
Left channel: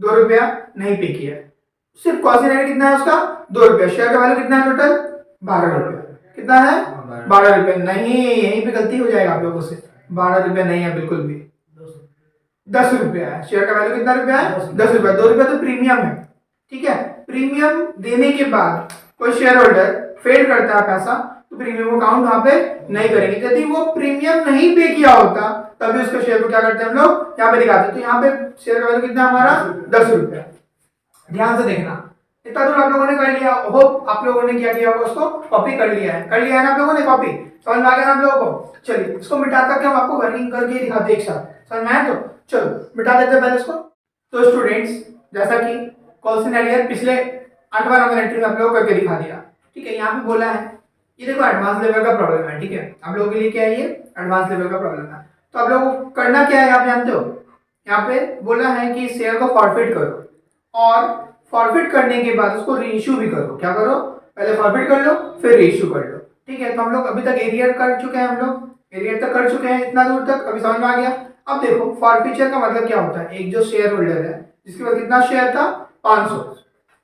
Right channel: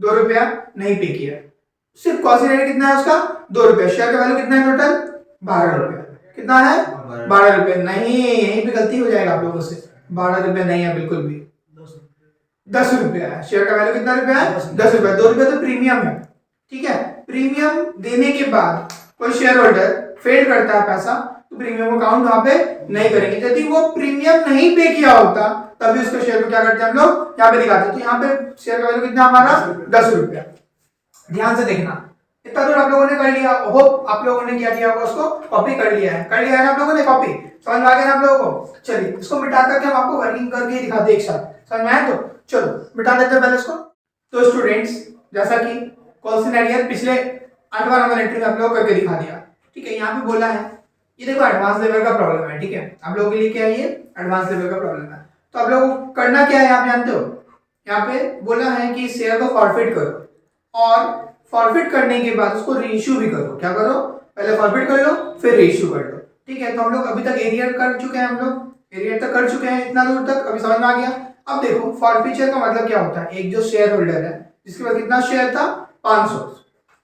2 रुपया नहीं पे किया। सिर्फ कॉल सिनेरियो कितना है उसका, 2 रुपया। शेयर का वैल्यू कितना है टोटल, 12 रुपया। कितना है, 12 रुपये। नहीं, यहीं पे गलती हो जाएगा आप लोगों से, 12 रुपये नहीं है बिल्कुल भी, 10 रुपया है। शेयर का वैल्यू कितना रुपया है, 10 रुपया। 2 रुपया तो प्रीमियम है। ठीक है, प्रीमियम देने के बाद कोई शेयर होल्डर फेल करता है पैसा, तो प्रीमियम अकाउंट वहां पे नहीं करेंगे। यदि वो प्रीमियम नहीं पे किया होता तभी उसके शेयर को क्या करते हैं हम लोग, यहाँ पे दिखाते हैं। तो यहाँ पे शेयर का वैल्यू कितना हमारा, 10 रुपया। ध्यान से देखना, इतना दूर आप लोगों ने कर लिया। होप आप लोगों ने क्या किया होगा, उसको कॉपी कर लिया है ना आप लोगों ने कॉपी। समझ में आ गया ना आप लोगों को। चलिए इसको मिटा करके हम आपको वर्किंग करके दिखाते हैं एक साथ। समझ में आया। तो चलो मिटा देते हैं पहले इसको। तो स्टूडेंट्स, जैसा कि कॉल सिनेरियो पिछले 8वां नंबर एंट्री में आप लोगों को करके दिखा दिया। ठीक है, यहाँ पे बोला है ये देखो एडवांस लेवल का प्रॉब्लम है। ठीक है, आप लोगों के लिए क्या है, ये एडवांस लेवल का प्रॉब्लम है। तो आप लोगों को करना क्या है, आप जानते हो, यहाँ पे बोला है कि शेयर को फॉरफिट करो और फॉरफिट करने के बाद उसको रीइश्यू भी करो। क्या करो, पहले फॉरफिट कर लो फिर रीइश्यू कर लो। ठीक है, तो हम लोग अभी तक एरियर कर चुके हैं, हम लोग एरियर तक कर चुके हैं, इतना दूर तक अभी समझ में आ गया। अब देखो फॉरफिचर का मतलब क्या होता है, एक जो शेयर होल्डर है जिसके पास कितना शेयर था, 500,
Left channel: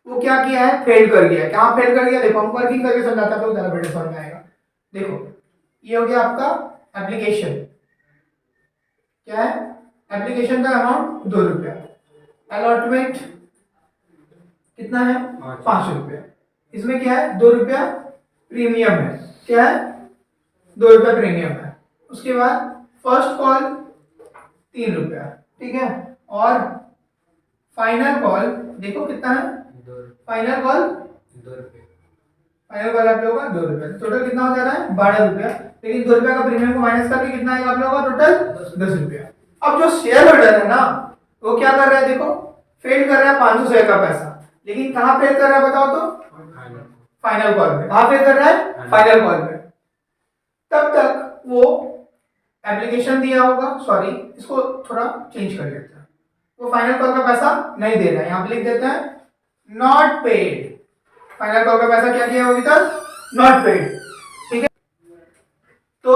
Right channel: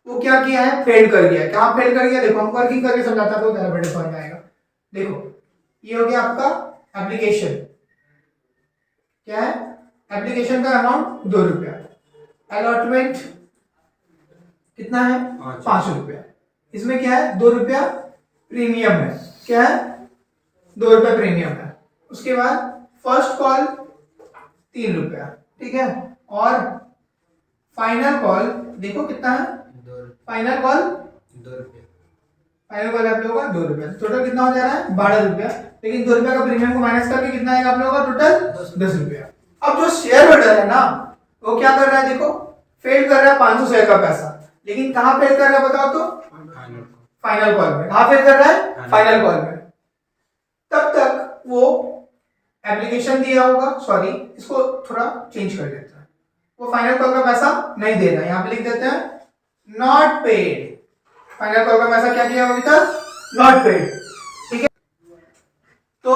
वो क्या किया है, फेल कर गया। क्या फेल कर गया, देखो हम वर्किंग करके समझाता तो ज़्यादा बेटर समझ में आएगा। देखो ये हो गया आपका एप्लीकेशन। क्या है, एप्लीकेशन का अमाउंट 2 रुपया। अलॉटमेंट कितना है, 5 रुपया। इसमें क्या है, 2 रुपया प्रीमियम है। क्या है, 2 रुपया प्रीमियम है। उसके बाद फर्स्ट कॉल 3 रुपया। ठीक है, और फाइनल कॉल देखो कितना है, फाइनल कॉल 2 रुपये। फाइनल कॉल आप लोगों का 2 रुपया। टोटल कितना हो जा रहा है, 12 रुपया। लेकिन 2 रुपया का प्रीमियम को माइनस करके कितना आएगा आप लोगों का, टोटल 10 रुपया। अब जो शेयर होल्डर है ना, वो क्या कर रहा है, देखो फेल कर रहा है 500 शेयर का पैसा। लेकिन कहाँ फेल कर रहा है बताओ तो, फाइनल कॉल में। कहाँ फेल कर रहा है, फाइनल कॉल में। तब तक वो एप्लीकेशन दिया होगा, सॉरी इसको थोड़ा चेंज कर लेते हैं, वो फाइनल कॉल का पैसा नहीं दे रहा है। यहाँ पे लिख देते हैं नॉट पेड। फाइनल कॉल का पैसा क्या दिया अभी तक, नॉट पेड। ठीक है, तो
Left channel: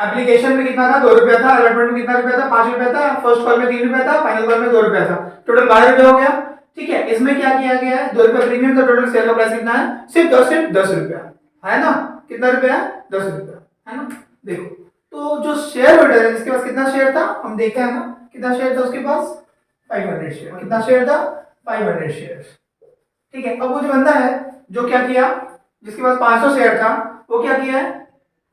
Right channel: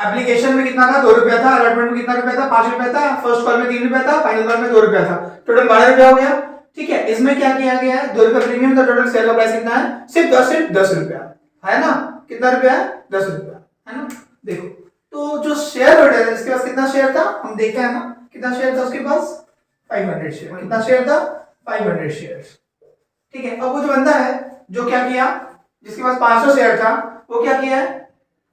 एप्लीकेशन में कितना था, 2 रुपया था। अलॉटमेंट में कितना रुपया था, 5 रुपया था। फर्स्ट कॉल में 3 रुपया था, फाइनल कॉल में 2 रुपया था। टोटल 12 रुपया हो गया। ठीक है, इसमें क्या किया गया है, 2 रुपया प्रीमियम था। टोटल शेयर का प्राइस कितना है, सिर्फ 10 रुपया है ना। कितना रुपया है, 10 रुपया है ना। देखो तो जो शेयर होल्डर है, इसके पास कितना शेयर था, हम देखे हैं ना, कितना शेयर था उसके पास, 500 शेयर। कितना शेयर था, 500 शेयर। ठीक है, अब वो जो बंदा है जो क्या किया, जिसके पास 500 शेयर था, वो क्या किया है,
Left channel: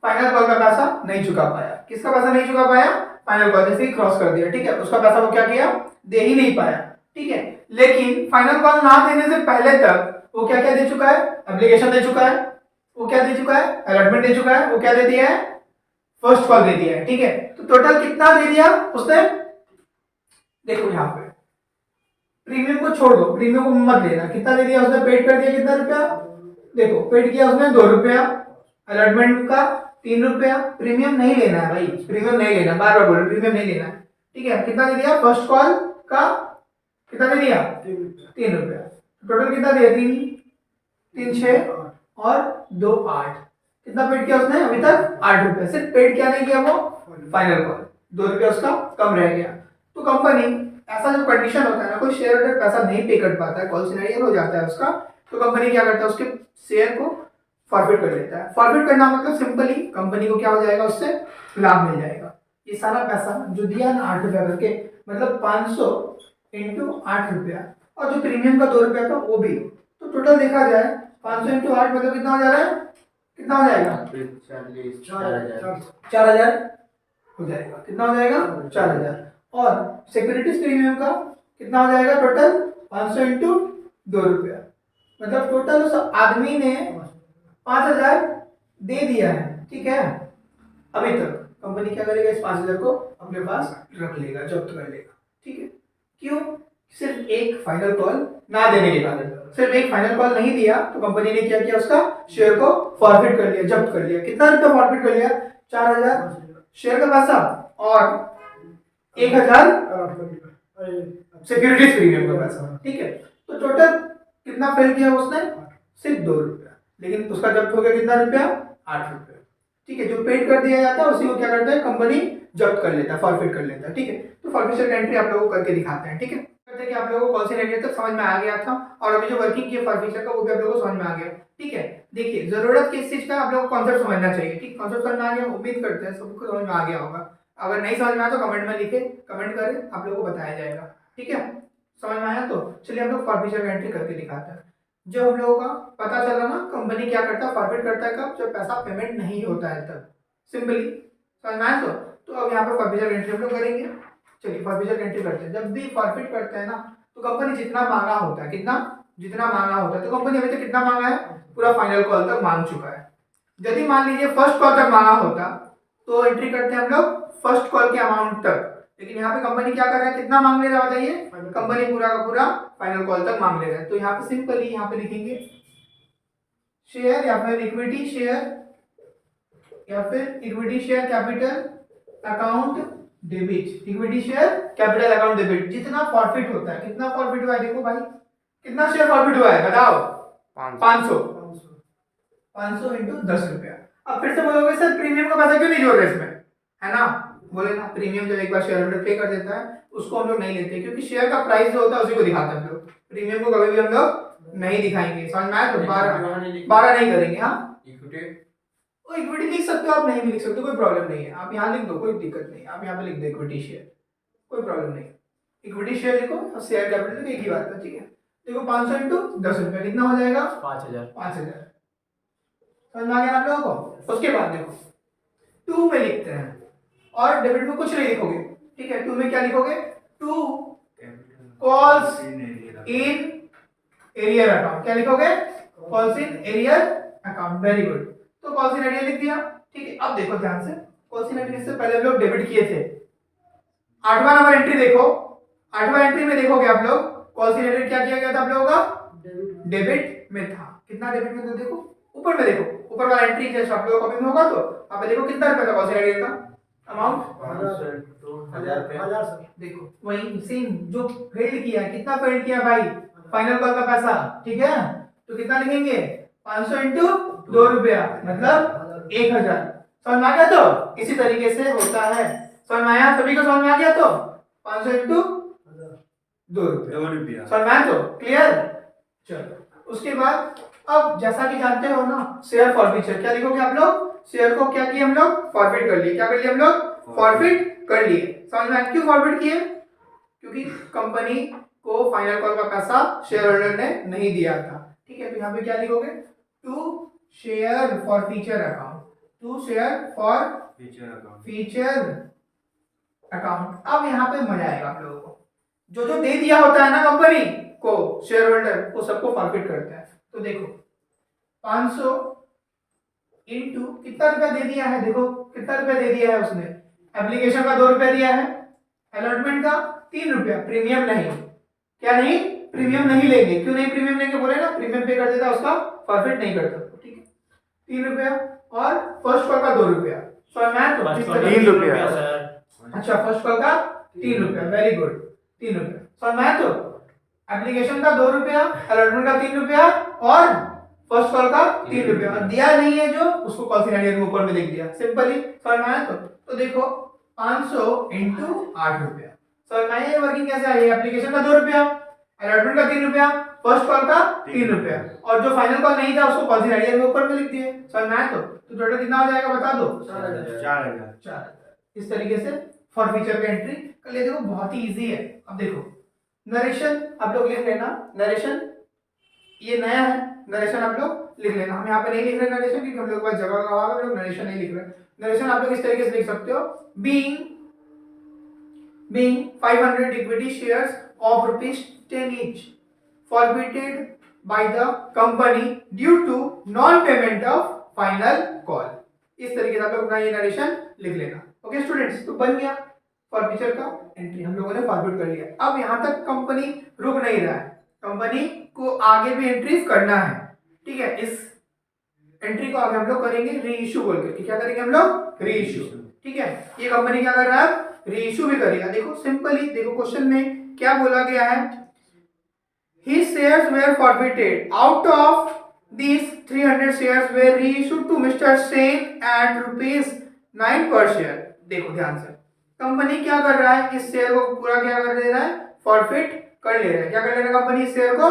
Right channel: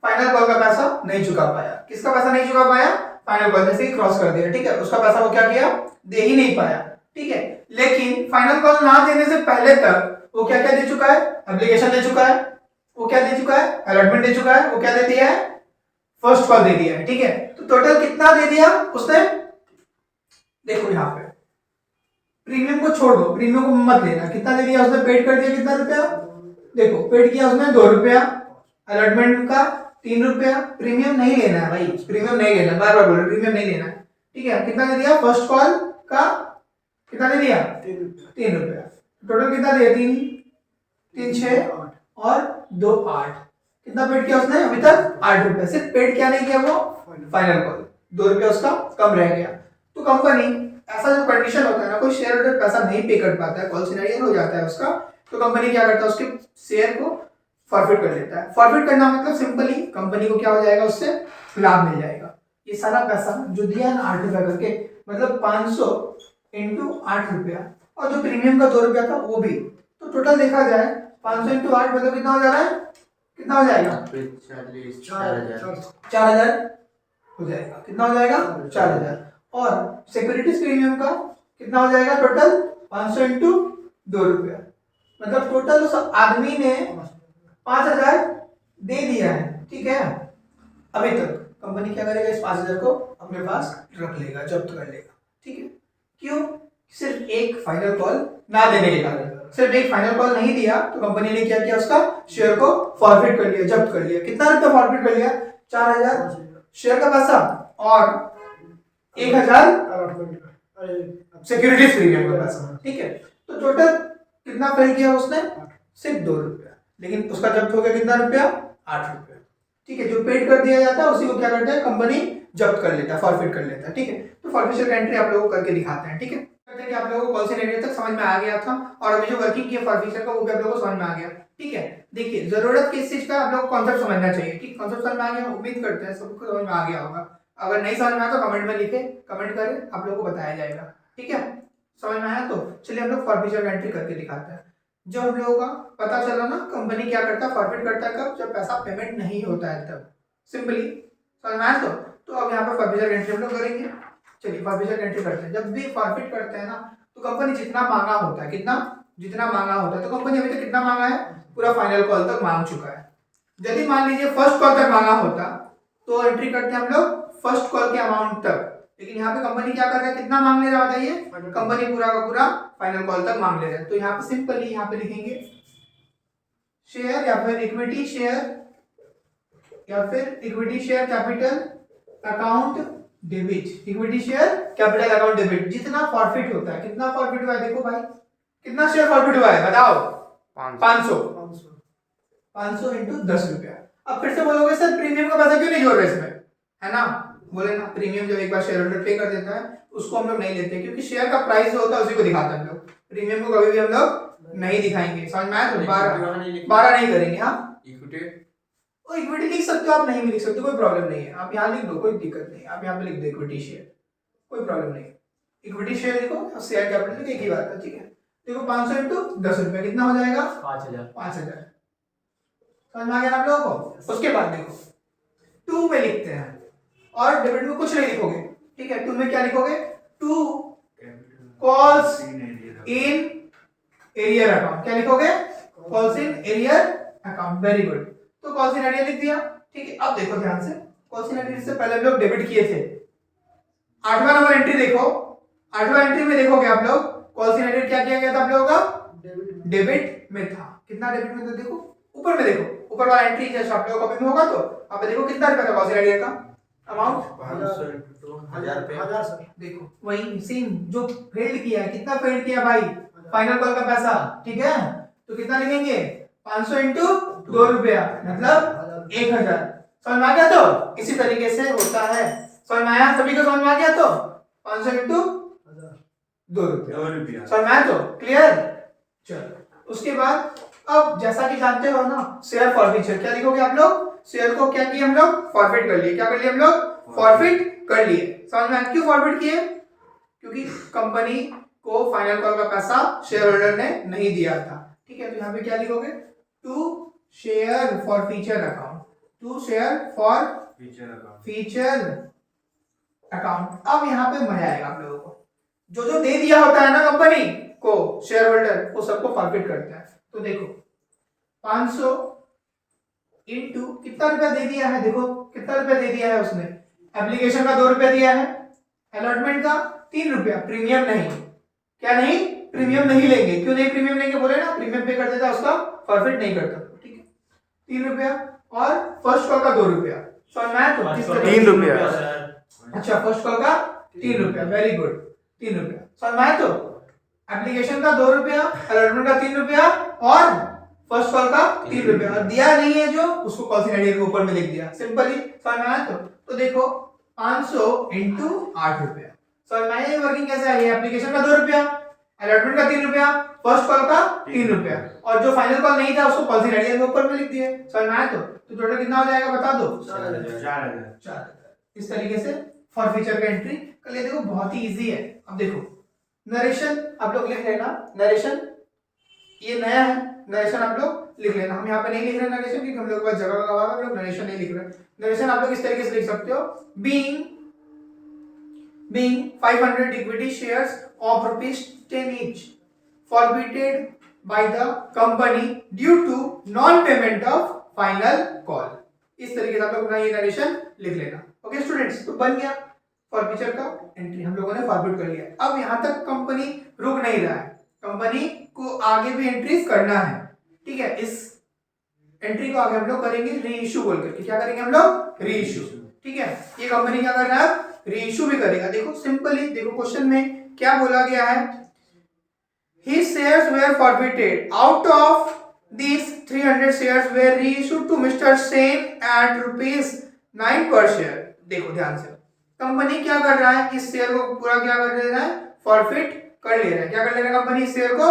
फाइनल कॉल का पैसा नहीं चुका पाया। किसका पैसा नहीं चुका पाया, फाइनल कॉल, जैसे ही क्रॉस कर दिया, ठीक है, उसका पैसा वो क्या किया, दे ही नहीं पाया, ठीक है। लेकिन फाइनल कॉल ना देने से पहले तक वो क्या क्या दे चुका है, एप्लीकेशन दे चुका है, वो क्या दे चुका है, अलॉटमेंट दे चुका है, वो क्या दे दिया है, फर्स्ट कॉल दे दिया है, ठीक है। तो टोटल कितना दे दिया उसने, देखो यहाँ पे प्रीमियम को छोड़ दो, प्रीमियम को मत लेना, कितना दे दिया उसने, पेड कर दिया कितना रुपया, देखो पेड किया उसने 2 रुपया, अलॉटमेंट का 3 रुपया, प्रीमियम नहीं लेना है भाई, प्रीमियम नहीं लेना, बार बार बोल रहे प्रीमियम नहीं लेना है, ठीक है। कितना दे दिया फर्स्ट कॉल का, कितना दे दिया 3 रुपया, टोटल कितना दिया, 3 6 और 2 8, कितना पेड किया उसने अभी तक 8 रुपया, सिर्फ पेड क्या नहीं किया वो, फाइनल कॉल 2 रुपया उसका कम रह गया। तो कंपनी, ऐसा जो कंडीशन होता है ना, कोई शेयर होल्डर पैसा नहीं पे कर पाता है, कॉल सिनेरियो हो जाता है उसका, तो कंपनी क्या करता है, उसके शेयर को फॉरफिट कर लेता है। फॉरफिट करना मतलब सिंपली कंपनी को क्या हो जाएगा, उससे लाभ मिल जाएगा। ये सारा पैसा जो दिया है ना 8 रुपया करके, मतलब 500 इंटू 8 रुपया, और जो प्रीमियम का 2 रुपया था वो भी, तो टोटल देखा जाए 500 इंटू 8 मतलब कितना हो जा रहा है, कितना हो जाएगा, 4000 हो जाएगा, कितना हो जाएगा 4000। और सिक्योरिटीज प्रीमियम का कितना हो जाएगा, टोटल 500 इंटू 2 रुपया, मतलब टोटल उस आदमी ने 5000 दे दिया है, ठीक है। अभी तक कंपनी क्या करेगा, इस 5000 को अपने पास रख लेगा, जब्त कर लेगा, ठीक है। क्यों, सिर्फ एक फाइनल कॉल ना देने के कारण, सिर्फ एक फाइनल कॉल नहीं दिया तो कंपनी ने क्या किया, उसका शेयर को फॉरफिट कर लिया, जब्त कर लिया। कितना रुपया फॉरफिट कर लिया, 4000 शेयर का पैसा और 1000 सिक्योरिटीज प्रीमियम का पैसा, ठीक है। तो टोटल कितना फेल किया उसने, सिर्फ 2 रुपया, लेकिन उसका जब्त हो गया कितना रुपया, 8 रुपया, ठीक है। जो पेड कर दिया जाता है उसी को क्या करता है, कंपनी जब्त कर लेता है, फॉरफिट कर लेता है, ठीक है। तो फॉरफिचर का एंट्री आप लोगों को करके दिखाते हैं, ठीक है। कहते हैं कि आप लोगों को कॉल सिनेरियो तक समझ में आ गया था, और अभी जो वर्किंग की है फॉरफिचर का वो भी आप लोगों को समझ में आ गया, ठीक है। देखिए जरूरत किस चीज का, आप लोगों को कॉन्सेप्ट समझना चाहिए, ठीक। कॉन्सेप्ट समझ में आ गया, उम्मीद करते हैं सबको समझ में आ गया होगा। अगर नहीं समझ में आया तो कमेंट में लिखे, कमेंट करें, आप लोगों को बताया जाएगा, ठीक है। समझ में आया तो चलिए हम लोग फॉरफिचर का एंट्री करके दिखाते हैं। जब हम लोगों का पता चला ना कंपनी क्या करता है, फॉरफिट करता है कब, जब पैसा पेमेंट नहीं होता है तब, सिंपली समझ में आया तो अब यहाँ पे फॉरफिचर एंट्री हम लोग करेंगे। चलिए फॉरफिचर एंट्री करते हैं। जब भी फॉरफिट करते हैं ना तो कंपनी जितना मांगा होता है, कितना, जितना मांगा होता है, तो कंपनी अभी तक कितना मांगा है, पूरा फाइनल कॉल तक मांग चुका है। यदि मान लीजिए फर्स्ट कॉल तक मांगा होता तो एंट्री करते हैं हम लोग फर्स्ट कॉल के अमाउंट तक, लेकिन यहाँ पे कंपनी क्या कर रहा है, कितना मांग ले रहा है बताइए, कंपनी पूरा का पूरा फाइनल कॉल तक मांग ले रहा है। तो यहाँ पे सिंपली यहाँ पे लिखेंगे शेयर या फिर इक्विटी शेयर या फिर equity share capital account debit, equity share capital account debit, जितना फॉरफिट होता है, कितना फॉरफिट हुआ है, देखो भाई कितना शेयर फॉरफिट हुआ है बताओ, 500 इंटू 10 रुपया। अब फिर से बोलोगे सर प्रीमियम का पैसा क्यों नहीं जोड़ रहे इसमें, है ना, बोले ना प्रीमियम जब एक बार शेयर होल्डर पे कर देता है उसको हम लोग नहीं लेते, क्योंकि शेयर का प्राइस जो होता है उसी को दिखाते हैं हम लोग, प्रीमियम को कभी भी हम लोग नहीं दिखाएंगे। समझ में आया, तो 12 नहीं करेंगे। हाँ इक्विटी लिख सकते हो आप, नहीं भी लिख सकते, कोई प्रॉब्लम नहीं है, आप यहाँ लिख दो, कोई दिक्कत नहीं, आप यहाँ पे लिख दो इक्विटी शेयर, कोई प्रॉब्लम नहीं। इक्विटी शेयर लिखो, शेयर कैपिटल लिखो, एक ही बात है, ठीक है। देखो 500 इंटू 10 रुपया कितना हो जाएगा, 5000। समझ में आ गया आप लोगों को। उसके बाद देखो 2 में लिखते हैं, और डेबिट में कुछ नहीं लिखोगे, ठीक है। 2 में क्या लिखोगे, 2 कॉल्स इन एरियर अकाउंट, क्या लिखोगे, calls in arrear account, very good. तो कॉल्स इन एरियर लिख दिया, ठीक है। अब देखो ध्यान से, कॉल्स इन एरियर से पहले हम लोग डेबिट किए थे, 8वां नंबर एंट्री देखो, 8वां एंट्री में देखोगे आप लोग कॉल्स इन एरियर क्या किया गया था आप लोगों का, डेबिट में था। कितना डेबिट में था, देखो ऊपर में, देखो ऊपर वाला एंट्री जैसे आप लोगों को कॉपी में होगा तो आप देखो कितना रुपया था कॉल्स इन एरियर का अमाउंट, 1000 देखो वही सेम जो फेल्ड किया है, कितना फेल्ड किया भाई, फाइनल कॉल का पैसा, ठीक है। तो कितना लिखेंगे, 500 इंटू 2 रुपया मतलब 1000। समझ में आ गया, तो इसी तरीके से होता है। समझ में आया, सभी को समझ में आ गया, तो 500 इंटू 2 रुपया, समझ में आया, तो क्लियर। चलो उसके बाद अब जैसा कि जानते हो ना, शेयर फॉरफिचर क्या लिखोगे आप लोग, शेयर को क्या किए हम लोग, फॉरफिट कर लिए, क्या कर लिए हम लोग, फॉरफिट कर लिए। समझ में आया क्यों फॉरफिट किए, क्योंकि कंपनी को फाइनल कॉल का पैसा शेयर होल्डर ने नहीं दिया था, ठीक है। तो यहाँ पे क्या लिखोगे, 2 share forfeiture account, to share forfeiture account. अब यहाँ पे मजा आएगा आप लोगों को। जो जो दे दिया होता है ना कंपनी को शेयर होल्डर, वो सबको फॉरफिट करता है। तो देखो 500 इंटू कितना रुपया दे दिया है, देखो कितना रुपया दे दिया है उसने। एप्लीकेशन का 2 रुपया दिया है, अलॉटमेंट का 3 रुपया, प्रीमियम नहीं, क्या नहीं, प्रीमियम नहीं लेंगे। क्यों नहीं प्रीमियम लेंगे, बोले ना प्रीमियम पे कर देता है उसका फॉरफिट नहीं करता, ठीक है। 3 रुपया और फर्स्ट कॉल का 2 रुपया। समझ में आया? तो किस तरह 3 रुपया। अच्छा, फर्स्ट कॉल का 3 रुपया, वेरी गुड, 3 रुपया। समझ में आया? तो एप्लीकेशन का 2 रुपया, अलॉटमेंट का 3 रुपया और फर्स्ट कॉल का 3 रुपया। और दिया नहीं है जो, उसको कॉल सिनेरियो के ऊपर में लिख दिया, सिंपली। समझ में आया? तो देखो 500 इंटू 8 रुपया। समझ में आया? ये वर्किंग कैसे आई? एप्लीकेशन का 2 रुपया, अलॉटमेंट का 3 रुपया, फर्स्ट कॉल का 3 रुपया, और जो फाइनल कॉल नहीं था उसको कॉल सिनेरियो के ऊपर में लिख दिए। समझ में आया? तो टोटल कितना हो जाएगा बता दो? 4,000। इस तरीके से फॉर फीचर का एंट्री कर लिए। देखो बहुत ही इजी है। अब देखो नरेशन आप लोग लिख लेना, नरेशन ये नया है, नरेशन आप लोग लिख लेना। हम यहाँ पे नहीं लिख रहे नरेशन क्योंकि हम लोग के पास जगह का अभाव है, हम लोग नरेशन नहीं लिख रहे। नरेशन आप लोग इस तरीके से लिख सकते हो, being 500 equity shares of ₹10 each forfeited by the company due to non-payment of final call। इस तरीके से आप लोग अपना ये नरेशन लिख लेना। ओके स्टूडेंट्स, तो बन गया फॉरफीचर का एंट्री, हम लोगों ने फॉरवर्ड कर लिया। अब यहाँ तक कंपनी रुक नहीं रहा है, कंपनी को आगे भी एंट्रीज करना है, ठीक है। इस एंट्री को आगे हम लोग करेंगे री इशू बोल करके। क्या करेंगे हम लोग? री इशू, ठीक है। ये कंपनी क्या कर रहा है? री इशू भी करेगा। देखो सिंपली, देखो क्वेश्चन में क्या बोला गया है, his shares were forfeited, out of these 300 shares were reissued to Mr. Sen at ₹9 per share। देखो ध्यान से, कंपनी क्या कर रहा है, इस शेयर को पूरा क्या कर ले रहा है, फॉरफिट कर ले रहा है। क्या कर ले रहा है कंपनी? इस शेयर को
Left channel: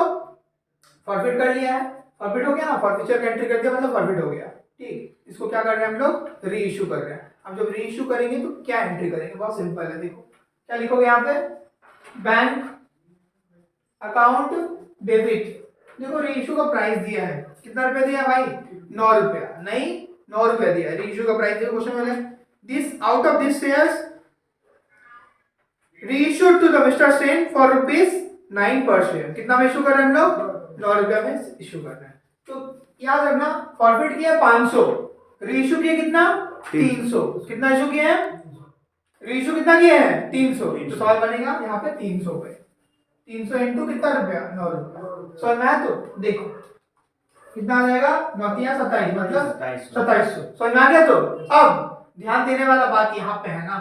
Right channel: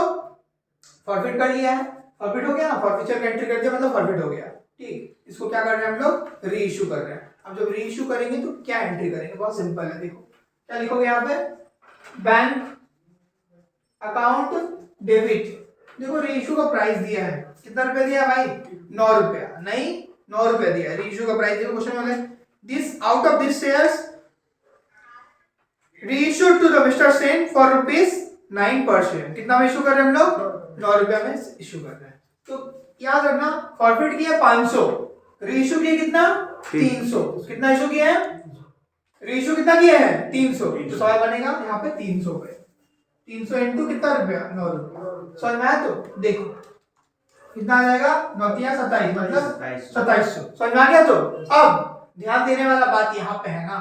फॉरफिट कर लिया है, फॉरफिट हो गया ना, फॉरफीचर का एंट्री कर दिया मतलब फॉरफिट हो गया, ठीक। इसको क्या कर रहे हैं हम लोग? री इशू कर रहे हैं। अब जब री इशू करेंगे तो क्या एंट्री करेंगे? बहुत सिंपल है। देखो क्या लिखोगे यहाँ पे, बैंक अकाउंट डेबिट। देखो री इशू का प्राइस दिया है, कितना रुपया दिया भाई? 9 रुपया, नहीं 9 रुपया दिया री इशू का प्राइस। देखो क्वेश्चन वाले, this out of this shares reissued to the Mister Sen for ₹9 per share. कितना में इशू कर रहे हैं हम लोग? 9 रुपया में इशू कर रहे हैं। तो याद रखना, फॉरफिट किया 500, रीइश्यू किया कितना? 300। कितना इशू किया है? रीइश्यू कितना किया है? 300। तो सवाल बनेगा यहाँ पे 300 पे, 300 इंटू कितना रुपया? 9 रुपया। समझ में आया? तो देखो कितना आ जाएगा? 9 या 27, मतलब 2700। समझ में आ गया? तो अब ध्यान देने वाला बात यहाँ पे है ना,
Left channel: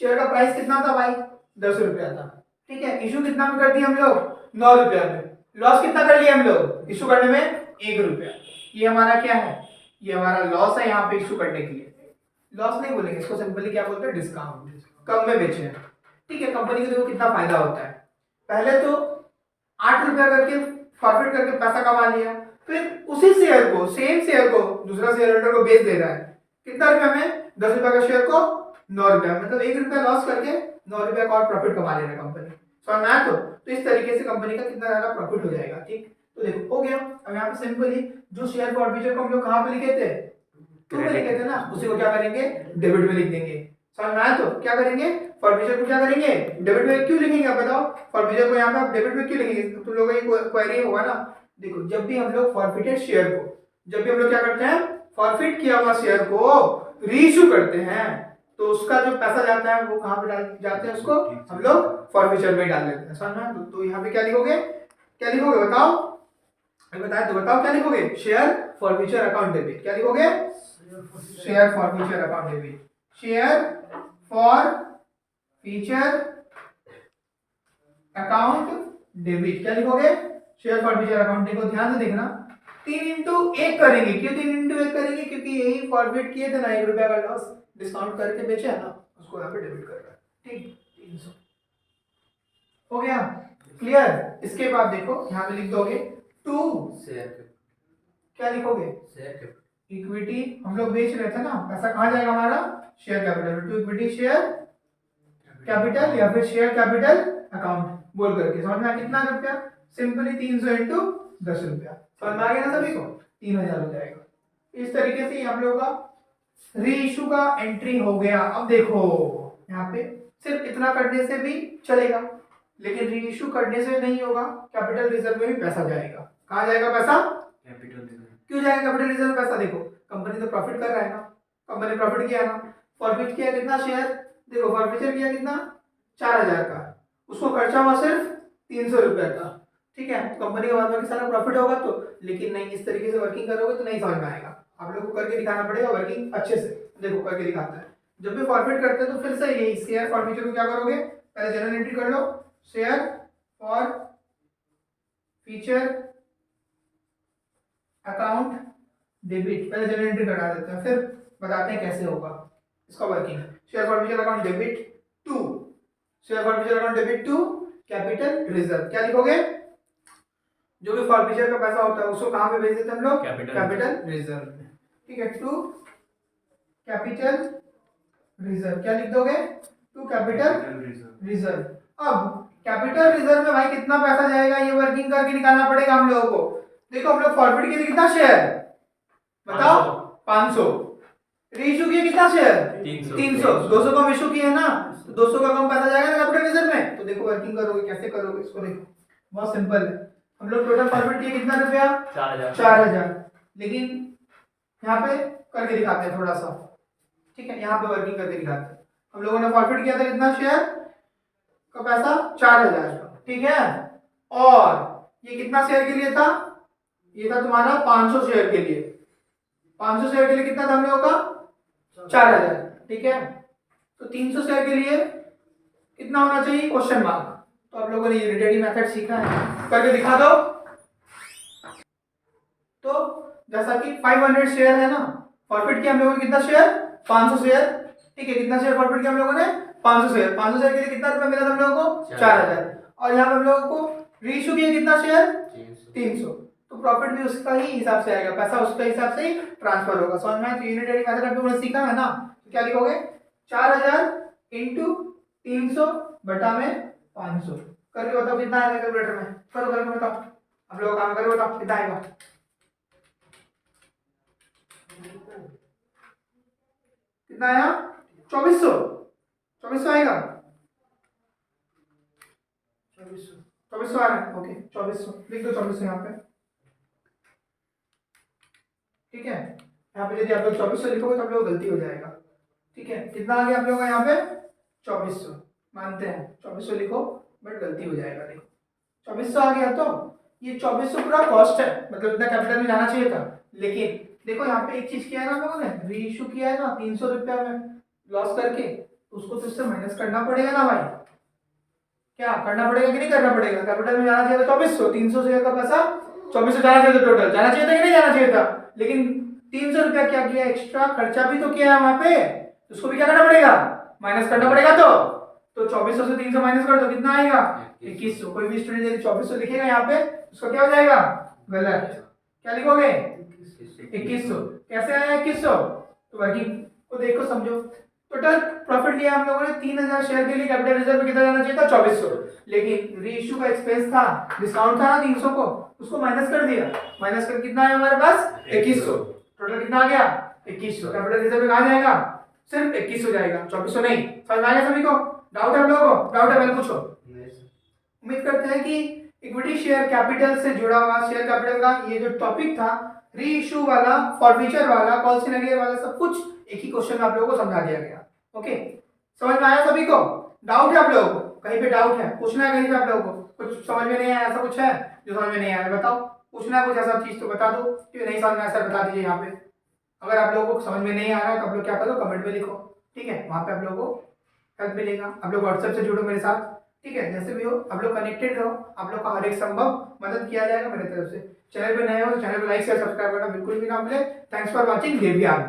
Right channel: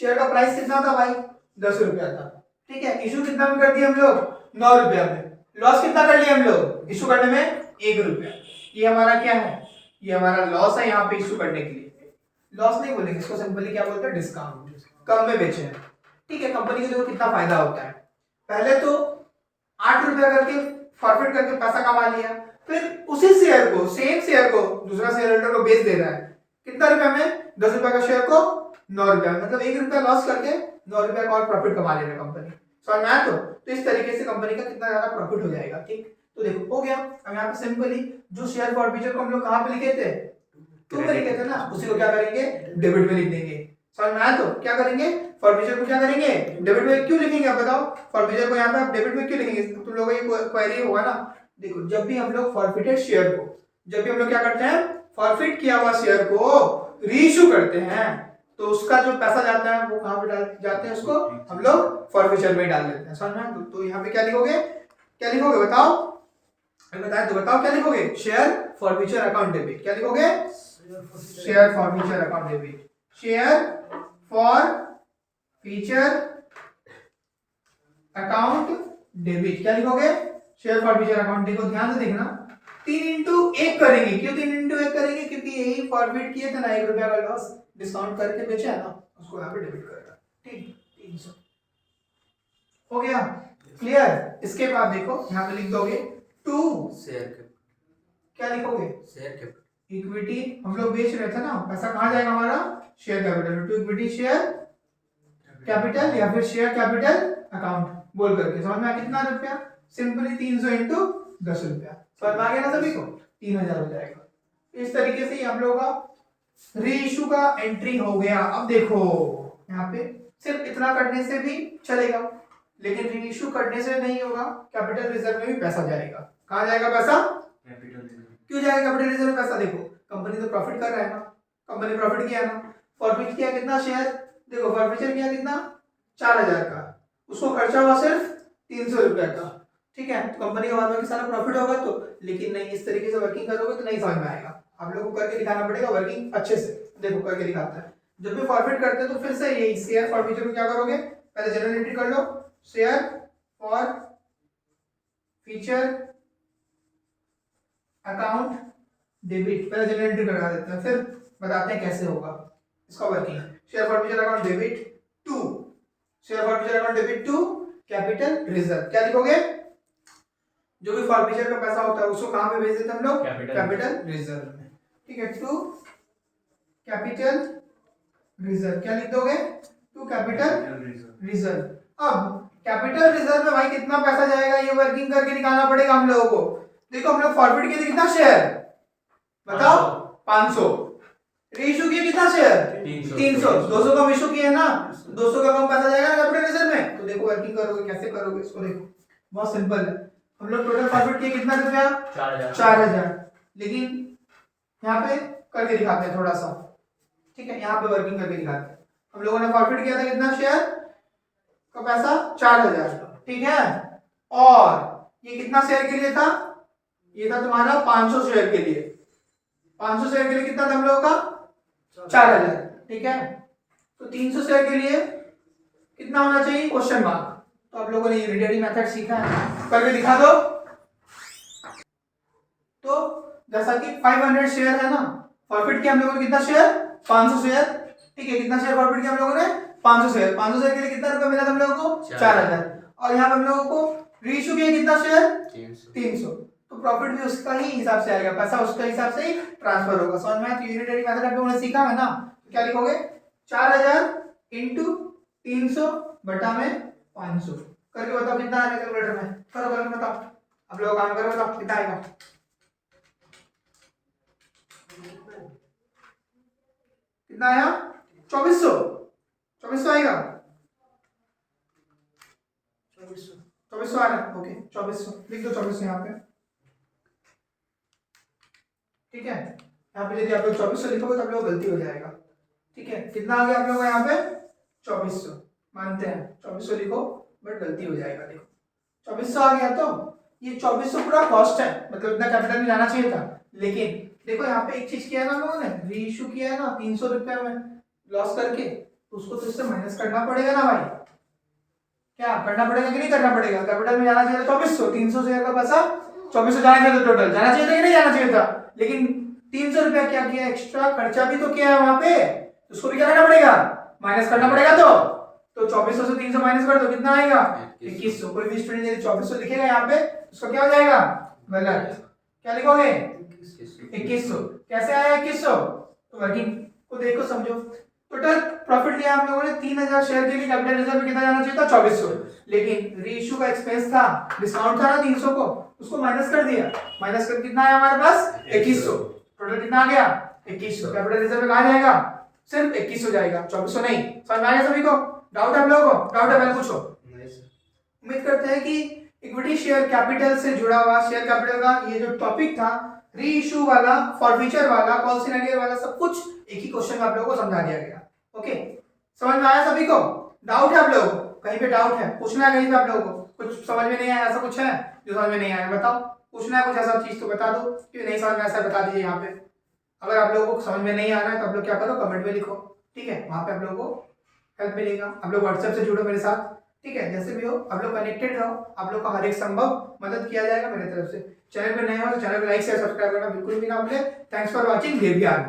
शेयर का प्राइस कितना था भाई? 10 रुपया था, ठीक है। इशू कितना में कर दिया हम लोग? 9 रुपया में। लॉस कितना कर लिया हम लोग इशू करने में? 1 रुपया। ये हमारा क्या है? ये हमारा लॉस है यहाँ पे इशू करने के लिए। लॉस नहीं बोलेंगे इसको, सिंपली क्या बोलते हैं? डिस्काउंट, कम में बेचे हैं, ठीक है। कंपनी को देखो कितना फायदा होता है, पहले तो 8 रुपया करके फॉरफिट करके पैसा कमा लिया, फिर उसी शेयर को, सेम शेयर को दूसरा शेयर होल्डर को बेच दे रहा है। कितना रुपया में? 10 रुपया का शेयर को 9 रुपया, मतलब 1 रुपया लॉस करके 9 रुपया का और प्रॉफिट कमा ले रहा है कंपनी। समझ में आया? तो इस तरीके से कंपनी का कितना ज्यादा प्रॉफिट हो जाएगा, ठीक। तो देखो हो गया। अब यहाँ पे सिंपली जो शेयर फॉरफीचर को हम लोग कहाँ पे लिखे थे? टू में लिखे थे ना, उसी को क्या करेंगे? डेबिट में लिख देंगे। समझ में आया? तो क्या करेंगे? फॉरफीचर को क्या करेंगे? डेबिट में क्यों लिखेंगे? आप बताओ, फॉरफीचर को यहाँ पे आप डेबिट में क्यों लिखेंगे? तुम लोगों का ये क्वेरी होगा ना। देखो जब भी हम लोग फॉरफिटेड शेयर को, जब भी हम लोग क्या करते हैं, फॉरफिट किया हुआ शेयर को रीइश्यू करते हैं, तो उसका जो पैसा जाता है वो कहाँ पे डाल जाते हैं? उसको हम लोग फॉरफीचर में डाल देते हैं। समझ में? तो यहाँ पे क्या लिखोगे? क्या लिखोगे बताओ? बताए तो बताओ क्या लिखोगे? Share forfeiture account debit. क्या लिखोगे? Share forfeiture account debit. Share forfeiture account debit. क्या लिखोगे? Share forfeiture account. देखो ध्यान से देखना, 3 इंटू 1 करेंगे। क्यों 3 इंटू 1 करेंगे? क्योंकि यही फॉरवर्ड किए थे ना, 1 रुपया का लॉस डिस्काउंट करके बेचे है ना, उसको यहाँ पे डेबिट कर रहा है, ठीक। 300 हो गया, क्लियर। इसके बाद देखो यहाँ पे लिख दोगे टू शेयर क्या लिखोगे? Share equity. हम लोग बेच रहे थे ना, पैसा कहाँ जाएगा हमारा? Share capital. To equity share capital या फिर शेयर कैपिटल अकाउंट बोल करके। समझ में कितना रुपया? सिंपली 300 इंटू 10 रुपया। समझ में आ गया ना सभी को? 3000 हो जाएगा। इस तरीके से आप लोगों का री इशू का एंट्री हो गया। अब देखो यहाँ पे सिर्फ इतना करने से भी चलेगा, लेकिन री इशू करने से नहीं होगा, कैपिटल रिजर्व में भी पैसा जाएगा। कहाँ जाएगा पैसा? Capital reserve. क्यों जाएगा कैपिटल रिजर्व में पैसा? देखो कंपनी तो प्रॉफिट कर रहा है ना, कंपनी प्रॉफिट किया ना, फॉरफिट किया कितना शेयर, देखो फॉरफिचर किया कितना 4000 का, उसको खर्चा हुआ सिर्फ 300 रुपए का, ठीक है। तो कंपनी का बाद में सारा प्रॉफिट होगा तो, लेकिन नहीं इस तरीके से वर्किंग करोगे तो नहीं समझ में आएगा। आप लोगों को करके दिखाना पड़ेगा वर्किंग अच्छे से। देखो करके दिखाता है, जब भी फॉरफिट करते हैं तो फिर से यही शेयर फॉरफिचर को क्या करोगे, पहले जनरल एंट्री कर लो, share forfeiture account debit, पहले जनरल एंट्री करा देते हैं, फिर बताते हैं कैसे होगा इसका working. Share forfeiture account debit to, share forfeiture account debit to capital reserve. क्या लिखोगे? जो भी फॉरफिचर का पैसा होता है उसको कहां पे भेज देते हैं हम लोग? कैपिटल रिजर्व में, ठीक है। टू कैपिटल रिजर्व, क्या लिख दोगे? To capital reserve. अब कैपिटल रिजर्व में भाई कितना पैसा जाएगा ये वर्किंग करके निकालना पड़ेगा हम लोगों को। देखो हम लोग फॉरफिट किए थे कितना शेयर बताओ? 500। रीइशू किए कितना शेयर? 300। 200 का इशू किए ना, 200 का कम पैसा जाएगा ना कैपिटल रिजर्व में। तो देखो वर्किंग करोगे कैसे करोगे इसको, देखो बहुत सिंपल है। हम लोग टोटल फॉरफिट किए कितना रुपया? 4000। लेकिन यहाँ पे करके दिखाते हैं थोड़ा सा, ठीक है। यहाँ पे वर्किंग करके दिखाते हैं। हम लोगों ने फॉरफिट किया था कितना शेयर का पैसा? 4000 का, ठीक है। और ये कितना शेयर के लिए था? ये था तुम्हारा 500 शेयर के लिए। 500 शेयर के लिए कितना था हम लोगों का? 4000, ठीक है। तो 300 शेयर के लिए कितना होना चाहिए? Question mark. तो आप लोगों ने ये रेडी मेथड सीखा है, करके दिखा दो। तो जैसा कि 500 शेयर है ना, फॉरफिट किया हम लोगों ने कितना शेयर? 500 शेयर, ठीक है। कितना शेयर फॉरफिट किया हम लोगों ने? 500 शेयर। 500 शेयर के लिए कितना रुपया मिला था हम लोगों को? 4000। और यहाँ पे हम लोगों को रीइशू किया कितना शेयर? 300। तो प्रॉफिट भी उसका ही हिसाब से आएगा, पैसा उसके हिसाब से ही ट्रांसफर होगा। समझ में आया? तो यूनिटरी मेथड आप लोगों ने सीखा है ना, तो क्या लिखोगे? 4000 इंटू 300 बटा में 500। करके बताओ कितना आएगा कैलकुलेटर में, करो करके बताओ। आप लोग काम करो, बताओ कितना आएगा। कितना आया? 2400। 2400 आएगा। 2400 आ रहा है, ओके 2400 लिख दो। 2400 यहाँ पे, ठीक है। यहाँ पे यदि आप लोग 2400 लिखोगे तो आप लोग गलती हो जाएगा, ठीक है। कितना आ गया आप लोगों का यहाँ पे? 2400 मानते हैं, 2400 लिखो बट गलती हो जाएगा। देखो 2400 आ गया, तो ये 2400 पूरा कॉस्ट है, मतलब इतना कैपिटल में जाना चाहिए था। लेकिन देखो यहाँ पे एक चीज किया है ना हम लोगों ने, रीइशू किया है ना 300 रुपया में लॉस करके, तो उसको तो इससे माइनस करना पड़ेगा ना भाई। क्या करना पड़ेगा कि नहीं करना पड़ेगा? कैपिटल में जाना चाहिए था 2400, 300 शेयर का पैसा 2400 जाना चाहिए था, टोटल जाना चाहिए था कि नहीं जाना चाहिए था। लेकिन 300 रुपया क्या किया? एक्स्ट्रा खर्चा भी तो किया है वहां पे, उसको भी क्या करना पड़ेगा? माइनस करना पड़ेगा। तो 2400 से 300 माइनस कर दो, कितना आएगा? 2100। कोई भी स्टूडेंट यदि 2400 लिखेगा यहाँ पे, उसका क्या हो जाएगा? गलत। क्या लिखोगे? 2100। कैसे आया 2100? तो वर्किंग को देखो, समझो। टोटल प्रॉफिट लिया हम लोगों ने 3000 शेयर के लिए, कैपिटल रिजर्व में कितना जाना चाहिए था? 2400। लेकिन रीइशू का एक्सपेंस था, डिस्काउंट था ना 300 को, उसको माइनस कर दिया। माइनस कर कितना आया हमारे पास? 2100। टोटल कितना आ गया? 2100। कैपिटल रिजर्व में कहाँ जाएगा? सिर्फ 2100 जाएगा, 2400 नहीं। समझ में आ गया सभी को? डाउट है आप लोगों को? डाउट है पहले पूछो। उम्मीद करते हैं कि इक्विटी शेयर कैपिटल से जुड़ा हुआ शेयर कैपिटल का ये जो टॉपिक था, री इशू वाला, फॉरफीचर वाला, कॉल सिनेरियो वाला, सब कुछ एक ही क्वेश्चन में आप लोगों को समझा दिया गया। ओके, समझ में आया सभी को? डाउट है आप लोगों को? कहीं पे डाउट है? पूछना है कहीं पे आप लोगों को? कुछ समझ में नहीं आया, ऐसा कुछ है जो समझ में नहीं आया? बताओ, पूछना है कुछ ऐसा चीज तो बता दो, कि नहीं समझ में ऐसा बता दीजिए यहाँ पे। अगर आप लोगों को समझ में नहीं आ रहा है तो आप लोग क्या करो, कमेंट में लिखो, ठीक है। वहां पे आप लोगों को हेल्प मिलेगा। आप लोग व्हाट्सएप से जुड़ो मेरे साथ, ठीक है। जैसे भी हो आप लोग कनेक्टेड रहो, आप लोग का हर एक संभव मदद किया जाएगा मेरे तरफ से। चैनल पे नए हो तो चैनल पे लाइक शेयर सब्सक्राइब करना बिल्कुल भी ना भूले। Thanks for watching देवयान।